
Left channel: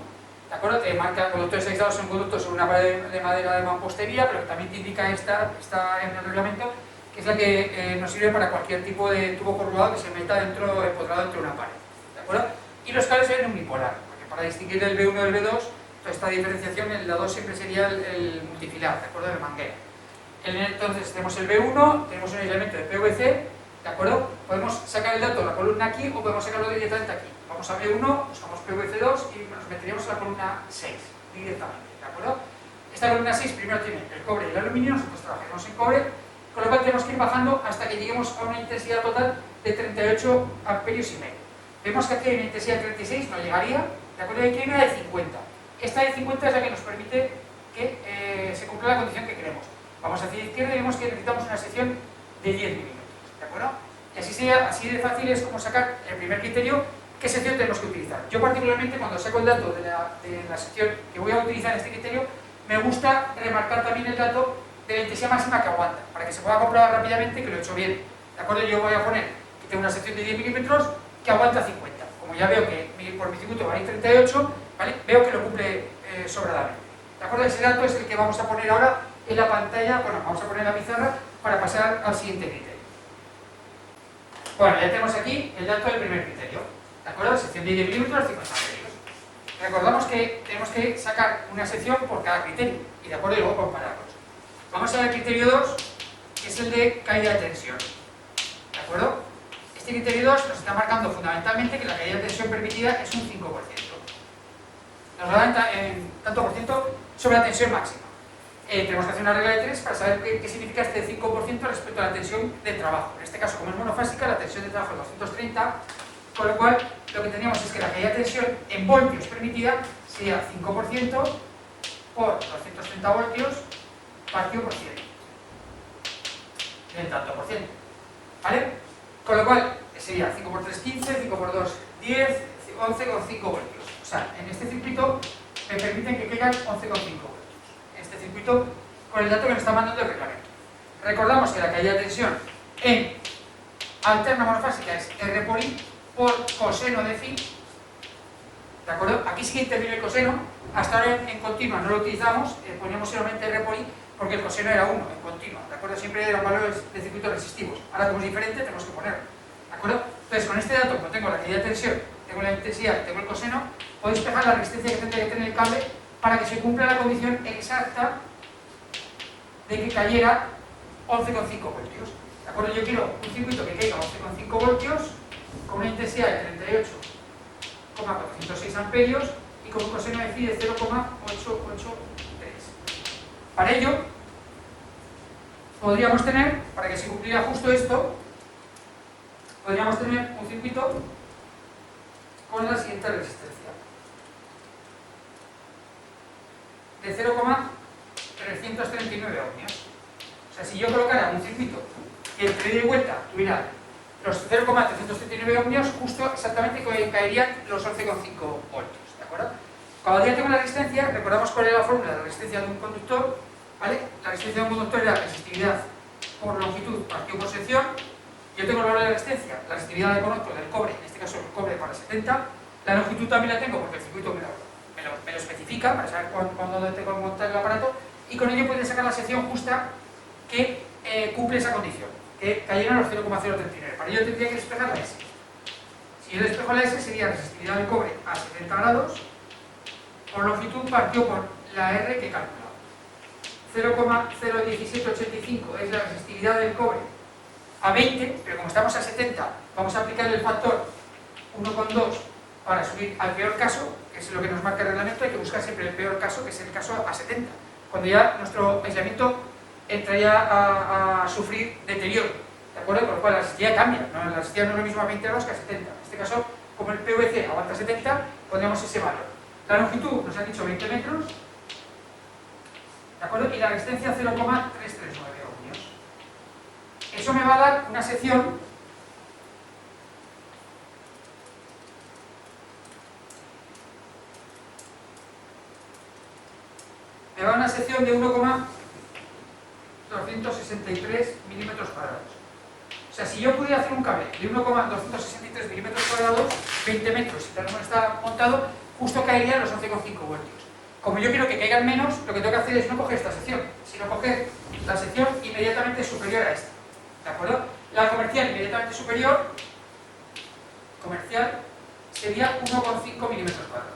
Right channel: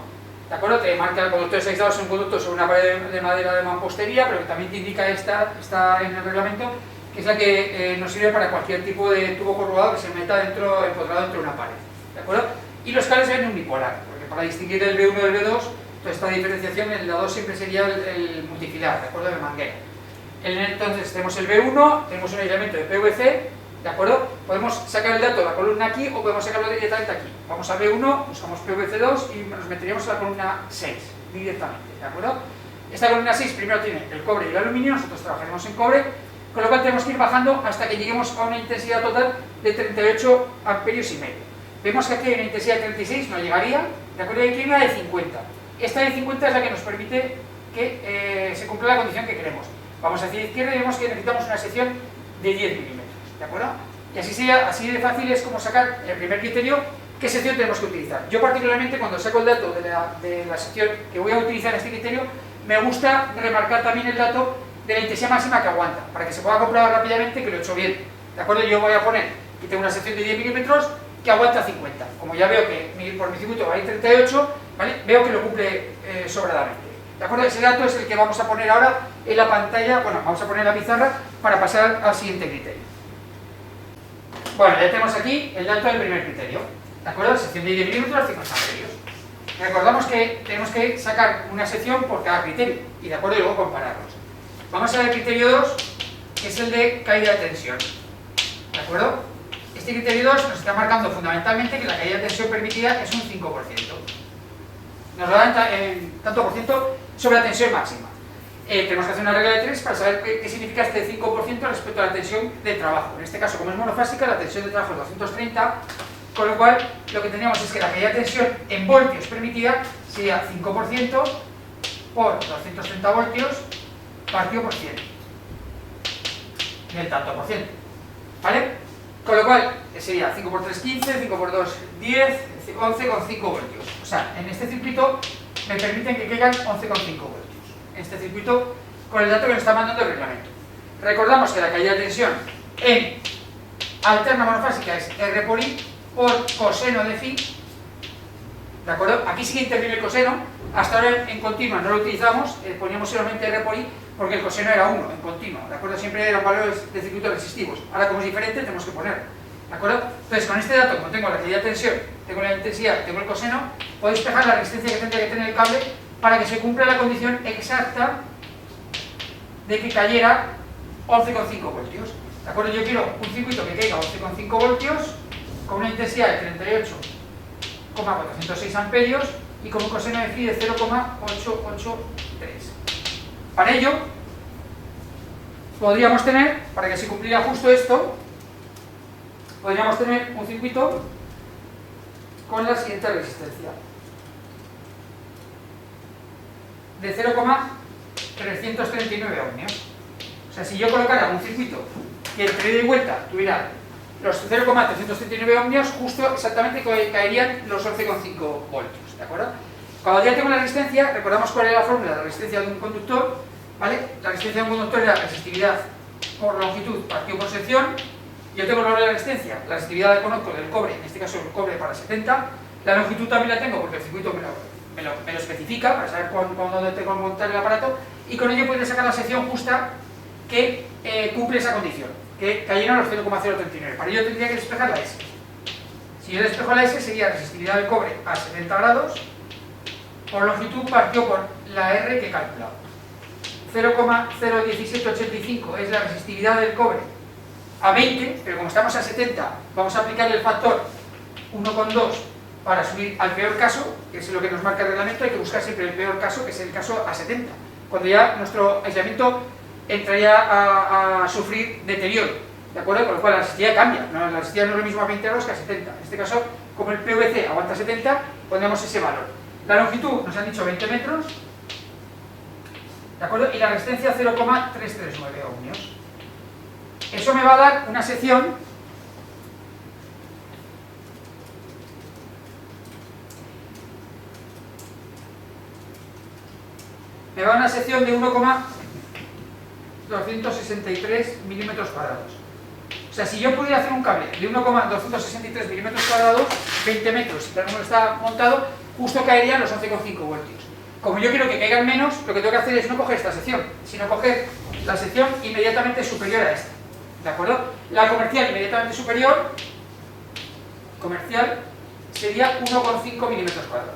¿de acuerdo? Te marca conductores aislados en conductos sobre una pared de madera de mampostería, pero que también te indica está en el reglamento, que es la que nos sirve para cualquier tipo de tubo corrugado que se meta empotrado dentro de una pared, ¿de acuerdo? Y los cables se ven unipolar, porque para distinguir el B1 del B2, toda esta diferenciación, el A2 siempre sería el multifilar, ¿de acuerdo? El manguera. Entonces tenemos el B1, tenemos un aislamiento de PVC, ¿de acuerdo? Podemos sacar el dato de la columna aquí o podemos sacarlo directamente aquí. Vamos a B1, buscamos PVC2 y nos meteríamos en la columna 6 directamente, ¿de acuerdo? Esta columna 6 primero tiene el cobre y el aluminio, nosotros trabajaremos en cobre, con lo cual tenemos que ir bajando hasta que lleguemos a una intensidad total de 38 amperios y medio. Vemos que aquí hay una intensidad de 36, no llegaría, ¿de acuerdo? Y aquí hay una de 50. Esta de 50 es la que nos permite que se cumpla la condición que queremos. Vamos hacia la izquierda y vemos que necesitamos una sección de 10 milímetros, ¿de acuerdo? Y así de fácil es como sacar el primer criterio, ¿qué sección tenemos que utilizar? Yo particularmente cuando saco el dato de la sección que voy a utilizar en este criterio, me gusta remarcar también el dato de la intensidad máxima que aguanta, para que se pueda comprobar rápidamente que lo he hecho bien. ¿De acuerdo? Yo voy a poner que tengo una sección de 10 milímetros que aguanta 50. Como ya veo que por mi circuito hay 38, ¿vale? Veo que lo cumple sobradamente. ¿De acuerdo? Ese dato es el que vamos a poner ahora en la pantalla, bueno, vamos a poner en la pizarra para pasar al siguiente criterio. Bueno, ya tenemos aquí el dato del primer criterio. ¿De acuerdo? Sección de 10 milímetros, 50 amperios. Recordamos que tenemos que sacar una sección por cada criterio y de acuerdo y luego compararlos. Vamos a ver el criterio 2, que es el de caída de tensión. ¿De acuerdo? Este criterio 2 nos está marcando fundamentalmente que la caída de tensión permitida es un 5%. Nos lo da en tanto por ciento sobre la tensión máxima. Tenemos que hacer una regla de 3 para saber qué significa este 5% respecto a la tensión de trabajo. En este caso, como es monofásica, la tensión de trabajo es 230, con lo cual lo que tendríamos es que la caída de tensión en voltios permitida sería 5% por 230 voltios partido por 100 del tanto por ciento, ¿vale? Con lo cual sería 5 por 3, 15, 5 por 2, 10, 11,5 voltios. O sea, en este circuito me permiten que caigan 11,5 voltios. En este circuito, con el dato que nos está mandando el reglamento. Recordamos que la caída de tensión en alterna monofásica es R por I por coseno de phi. ¿De acuerdo? Aquí sí que interviene el coseno. Hasta ahora en continua no lo utilizamos, poníamos solamente R por I porque el coseno era 1 en continua. ¿De acuerdo? Siempre eran valores de circuitos resistivos. Ahora, como es diferente, tenemos que poner. ¿De acuerdo? Entonces, con este dato, como tengo la caída de tensión, tengo la intensidad, tengo el coseno, puedo despejar la resistencia que tendría que tener el cable para que se cumpla la condición exacta de que cayera 11,5 voltios. ¿De acuerdo? Yo quiero un circuito que caiga 11,5 voltios con una intensidad de 38,406 amperios y con un coseno de phi de 0,883. Para ello, podríamos tener, para que se cumpliera justo esto, podríamos tener un circuito con la siguiente resistencia de 0,339 ohmios. O sea, si yo colocara un circuito que entre ida y vuelta tuviera los 0,339 ohmios, justo exactamente caerían los 11,5 voltios. ¿De acuerdo? Cuando ya tengo la resistencia, recordamos cuál es la fórmula de la resistencia de un conductor, ¿vale? La resistencia de un conductor era resistividad por longitud partido por sección. Yo tengo el valor de la resistividad la conozco del cobre, en este caso el cobre para 70. La longitud también la tengo porque el circuito me lo especifica para saber cuándo tengo que montar el aparato, y con ello podría sacar la sección justa que cumple esa condición, que cayeron los 0,039. Para ello tendría que despejar la S. Si yo despejo la S sería resistividad del cobre a 70 grados por longitud partido por la R que he calculado. 0,01785 es la resistividad del cobre a 20, pero como estamos a 70, vamos a aplicar el factor 1,2 para subir al peor caso, que es lo que nos marca el reglamento. Hay que buscar siempre el peor caso, que es el caso a 70, cuando ya nuestro aislamiento entraría a sufrir deterioro, ¿de acuerdo? Con lo cual la resistividad cambia, ¿no? La resistividad no es lo mismo a 20 grados que a 70. En este caso, como el PVC aguanta 70, pondremos ese valor. La longitud nos han dicho 20 metros, ¿de acuerdo? Y la resistencia 0,339 ohmios. Eso me va a dar una sección de 1,263 milímetros cuadrados. O sea, si yo pudiera hacer un cable de 1,263 milímetros cuadrados, 20 metros, y tal como está montado, justo caerían los 11,5 voltios. Como yo quiero que caigan menos, lo que tengo que hacer es no coger esta sección, sino coger la sección inmediatamente superior a esta. ¿De acuerdo? La comercial inmediatamente superior, comercial, sería 1,5 milímetros cuadrados.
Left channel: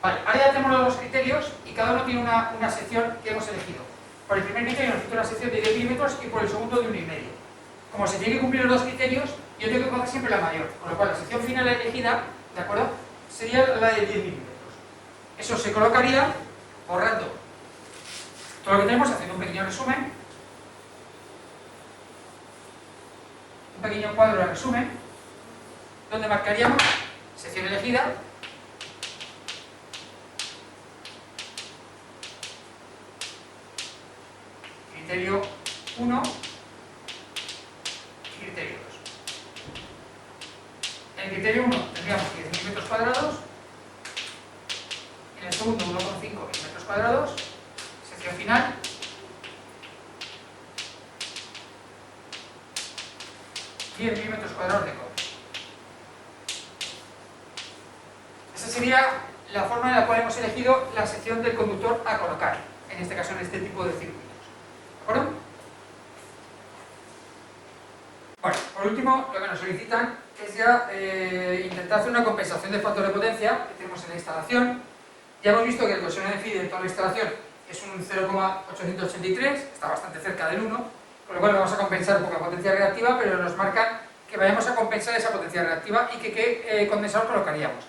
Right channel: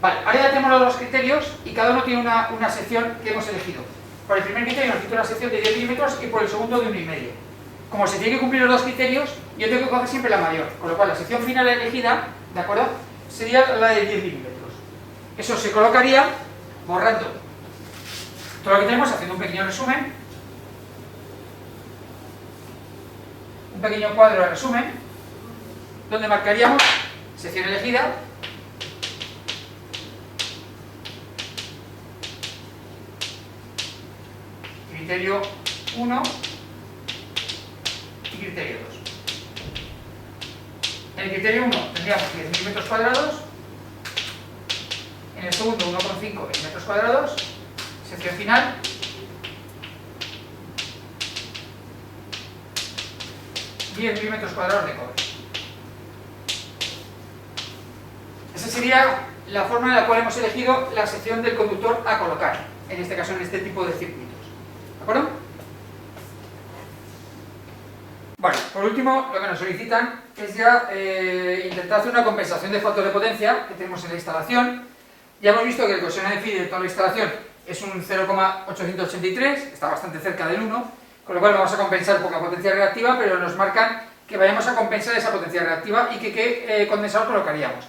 Vale, ahora ya tenemos los dos criterios y cada uno tiene una sección que hemos elegido. Por el primer criterio necesito una sección de 10 milímetros y por el segundo de 1,5. Como se tiene que cumplir los dos criterios, yo tengo que coger siempre la mayor, con lo cual la sección final elegida, ¿de acuerdo?, sería la de 10 milímetros. Eso se colocaría borrando todo lo que tenemos, haciendo un pequeño resumen, un pequeño cuadro de resumen, donde marcaríamos sección elegida, criterio 1 y criterio 2. En el criterio 1 tendríamos 10.000 metros cuadrados, en el segundo 1,5 en metros cuadrados, sección final, $10.000 metros cuadrados de cobre. Esa sería la forma en la cual hemos elegido la sección del conductor a colocar, en este caso en este tipo de circuitos. ¿De acuerdo? Bueno, por último, lo que nos solicitan es ya intentar hacer una compensación de factor de potencia que tenemos en la instalación. Ya hemos visto que el coseno de phi de toda la instalación es un 0,883, está bastante cerca del 1, con lo cual vamos a compensar poca potencia reactiva, pero nos marcan que vayamos a compensar esa potencia reactiva y que qué condensador colocaríamos.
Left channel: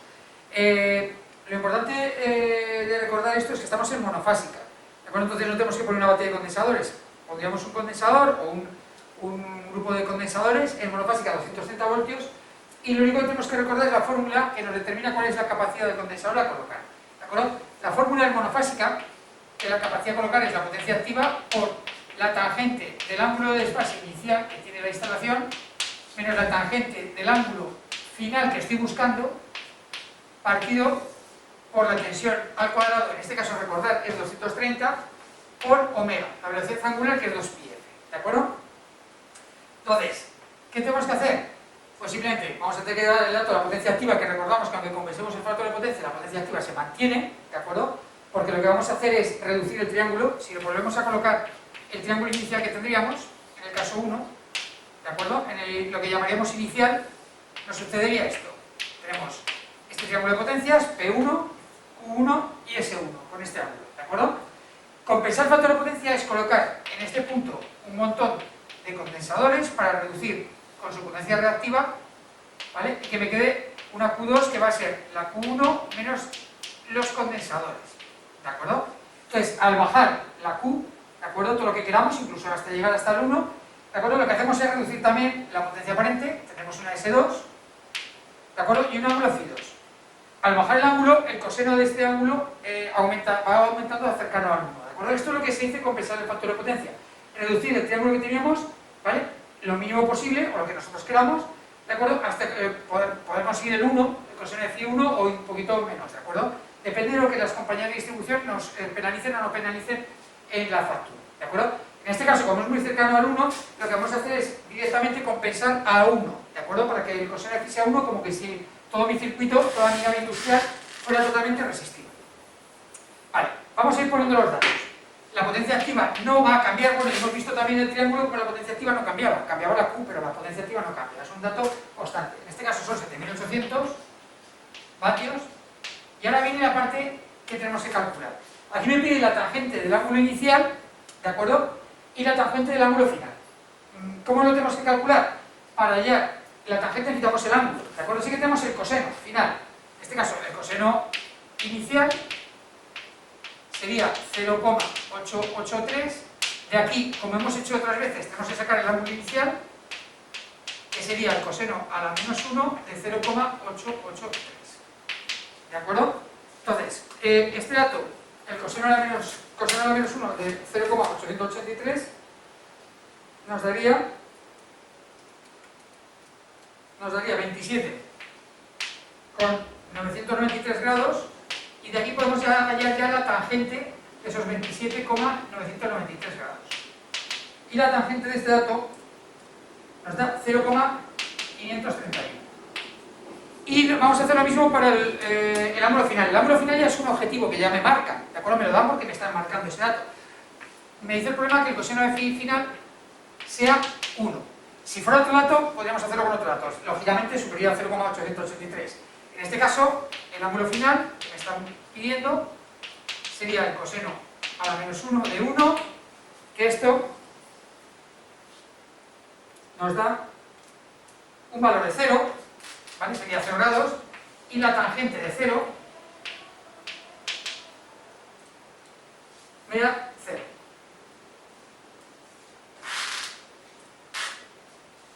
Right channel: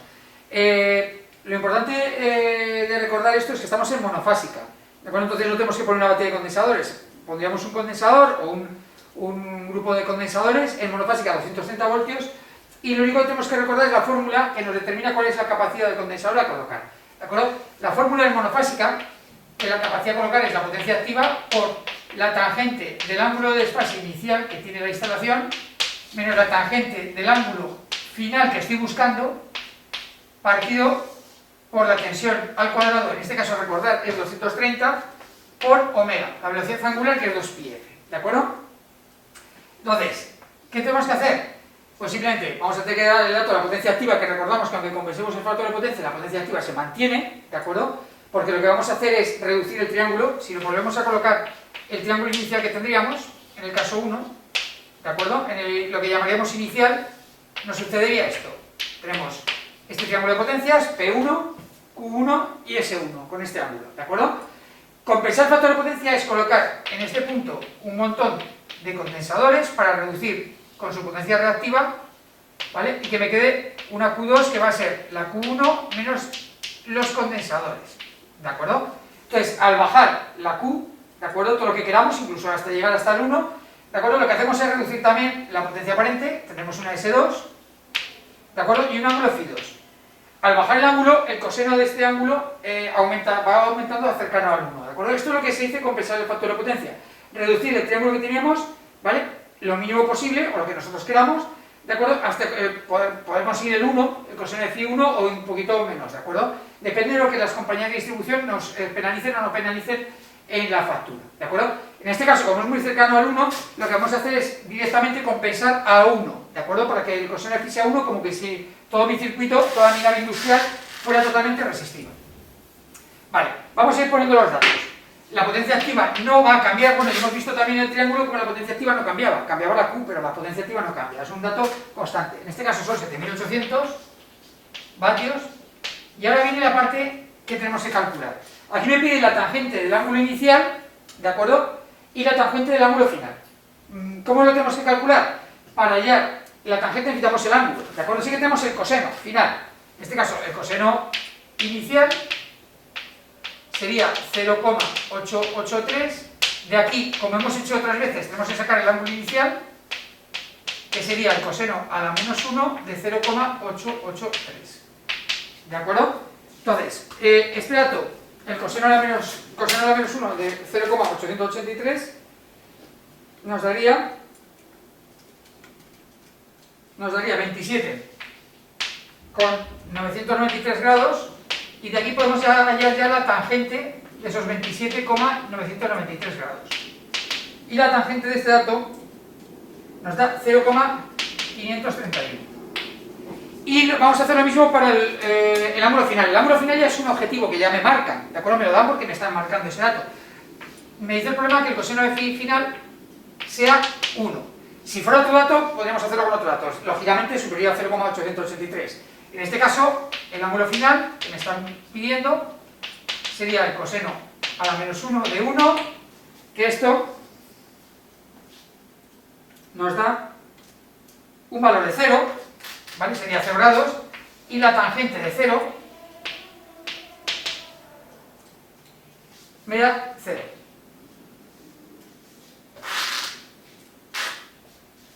Lo importante de recordar esto es que estamos en monofásica, ¿de acuerdo? Entonces no tenemos que poner una batería de condensadores, pondríamos un condensador o un grupo de condensadores en monofásica a 230 voltios, y lo único que tenemos que recordar es la fórmula que nos determina cuál es la capacidad del condensador a colocar, ¿de acuerdo? La fórmula en monofásica, que la capacidad a colocar es la potencia activa por la tangente del ángulo de desfase inicial que tiene la instalación menos la tangente del ángulo final que estoy buscando partido por la tensión al cuadrado, en este caso recordar es 230 por omega, la velocidad angular que es 2πf, ¿de acuerdo? Entonces, ¿qué tenemos que hacer? Pues simplemente vamos a tener que dar el dato de la potencia activa, que recordamos que aunque compensemos el factor de potencia, la potencia activa se mantiene, ¿de acuerdo? Porque lo que vamos a hacer es reducir el triángulo. Si nos volvemos a colocar el triángulo inicial que tendríamos, en el caso 1, ¿de acuerdo? En lo que llamaríamos inicial, nos sucedería esto. Tenemos este triángulo de potencias, P1, Q1 y S1, con este ángulo, ¿de acuerdo? Compensar el factor de potencia es colocar en este punto un montón de condensadores para reducir con su potencia reactiva, ¿vale? Y que me quede una Q2 que va a ser la Q1 menos los condensadores, ¿de acuerdo? Entonces, al bajar la Q, ¿de acuerdo? Todo lo que queramos, incluso hasta llegar hasta el 1, ¿de acuerdo? Lo que hacemos es reducir también la potencia aparente, tendremos una S2, ¿de acuerdo? Y un ángulo Φ2. Al bajar el ángulo, el coseno de este ángulo va aumentando cercano al 1, ¿de acuerdo? Esto es lo que se dice compensar el factor de potencia. Reducir el triángulo que teníamos, ¿vale? Lo mínimo posible, o lo que nosotros queramos, ¿de acuerdo? Hasta poder conseguir el 1, el coseno de Φ1 o un poquito menos, ¿de acuerdo? Depende de lo que las compañías de distribución nos penalicen o no penalicen en la factura, ¿de acuerdo? En este caso, como es muy cercano al 1, lo que vamos a hacer es directamente compensar a 1, ¿de acuerdo? Para que el coseno de Φ sea 1, como que si todo mi circuito, toda mi nave industrial fuera totalmente resistiva. Vale, vamos a ir poniendo los datos. La potencia activa no va a cambiar, bueno, hemos visto también el triángulo como la potencia activa no cambiaba, cambiaba la Q, pero la potencia activa no cambia, es un dato constante. En este caso son 7800 vatios, y ahora viene la parte que tenemos que calcular. Aquí me pide la tangente del ángulo inicial, ¿de acuerdo? Y la tangente del ángulo final. ¿Cómo lo tenemos que calcular? Para hallar la tangente necesitamos el ángulo, ¿de acuerdo? Sí que tenemos el coseno final. En este caso, el coseno inicial sería 0,883. De aquí, como hemos hecho otras veces, tenemos que sacar el ángulo inicial, que sería el coseno a la menos 1 de 0,883. ¿De acuerdo? Entonces, este dato, el coseno a la menos 1 de 0,883, nos daría 27 con 993 grados, y de aquí podemos hallar ya la tangente de esos 27,993 grados. Y la tangente de este dato nos da 0,531. Y vamos a hacer lo mismo para el ángulo final. El ángulo final ya es un objetivo que ya me marcan, ¿de acuerdo? Me lo dan porque me están marcando ese dato. Me dice el problema que el coseno de Φ final sea 1. Si fuera otro dato, podríamos hacerlo con otro dato. Lógicamente superior a 0,883. En este caso, el ángulo final que me están pidiendo sería el coseno a la menos 1 de 1, que esto nos da un valor de 0, ¿vale? Sería 0 grados, y la tangente de 0 me da 0.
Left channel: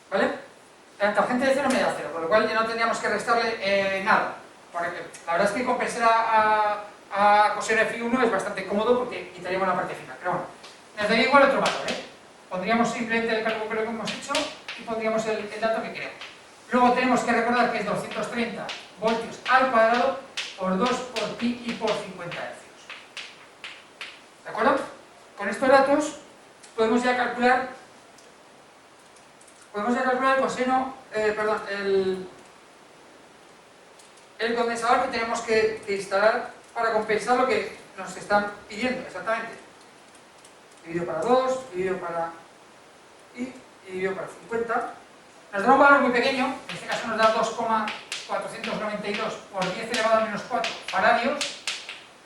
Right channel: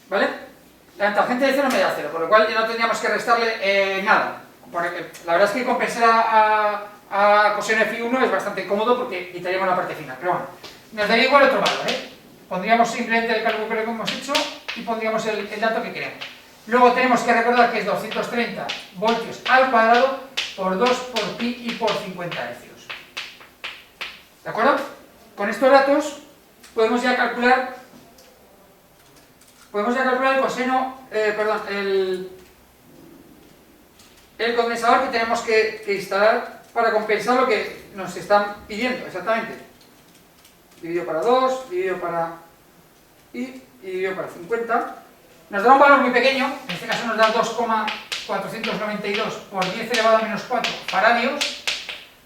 ¿Vale? La tangente de 0 me da 0, por lo cual ya no tendríamos que restarle nada. La verdad es que compensar a coseno de Φ1 es bastante cómodo porque quitaríamos la parte final, pero bueno, nos daría igual otro valor, ¿eh? Pondríamos simplemente el cálculo que hemos hecho y pondríamos el dato que queremos. Luego tenemos que recordar que es 230 voltios al cuadrado por 2 por pi y por 50 hercios. ¿De acuerdo? Con estos datos podemos ya calcular el coseno, el condensador que tenemos que instalar para compensar lo que nos están pidiendo exactamente. Dividido para 2, dividido para pi y dividido para 50. Nos da un valor muy pequeño, en este caso nos da 2,492 por 10 elevado a menos 4 faradios,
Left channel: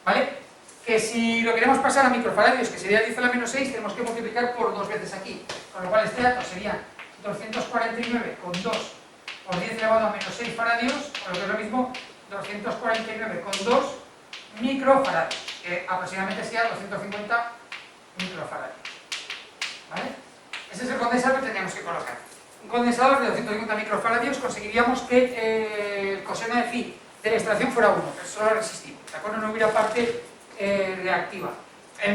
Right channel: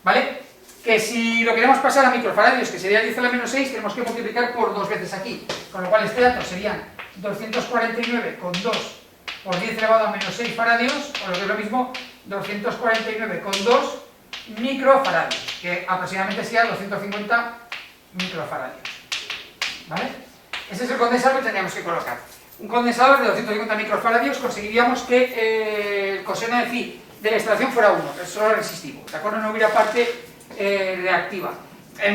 ¿vale? Que si lo queremos pasar a microfaradios, que sería 10 a la menos 6, tenemos que multiplicar por 2 veces aquí, con lo cual este dato serían 249,2 por 10 elevado a menos 6 faradios, o lo que es lo mismo, 249,2 microfaradios, que aproximadamente sería 250 microfaradios, ¿vale? Ese es el condensador que tendríamos que colocar. Un condensador de 250 microfaradios conseguiríamos que el coseno de phi de la instalación fuera 1, pero solo resistivo, ¿de acuerdo? No hubiera parte reactiva.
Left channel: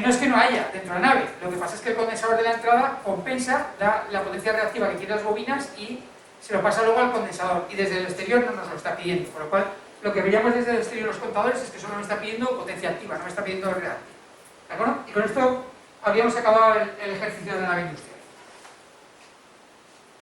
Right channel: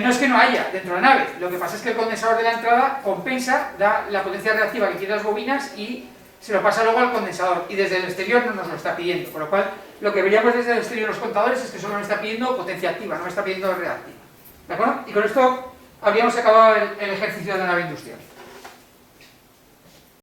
No es que no haya dentro de la nave, lo que pasa es que el condensador de la entrada compensa, da la potencia reactiva que quiere las bobinas y se lo pasa luego al condensador, y desde el exterior no nos lo está pidiendo, por lo cual lo que veríamos desde el exterior los contadores es que solo me está pidiendo potencia activa, no me está pidiendo reactiva. ¿De acuerdo? Y con esto habríamos acabado el ejercicio de la nave industrial.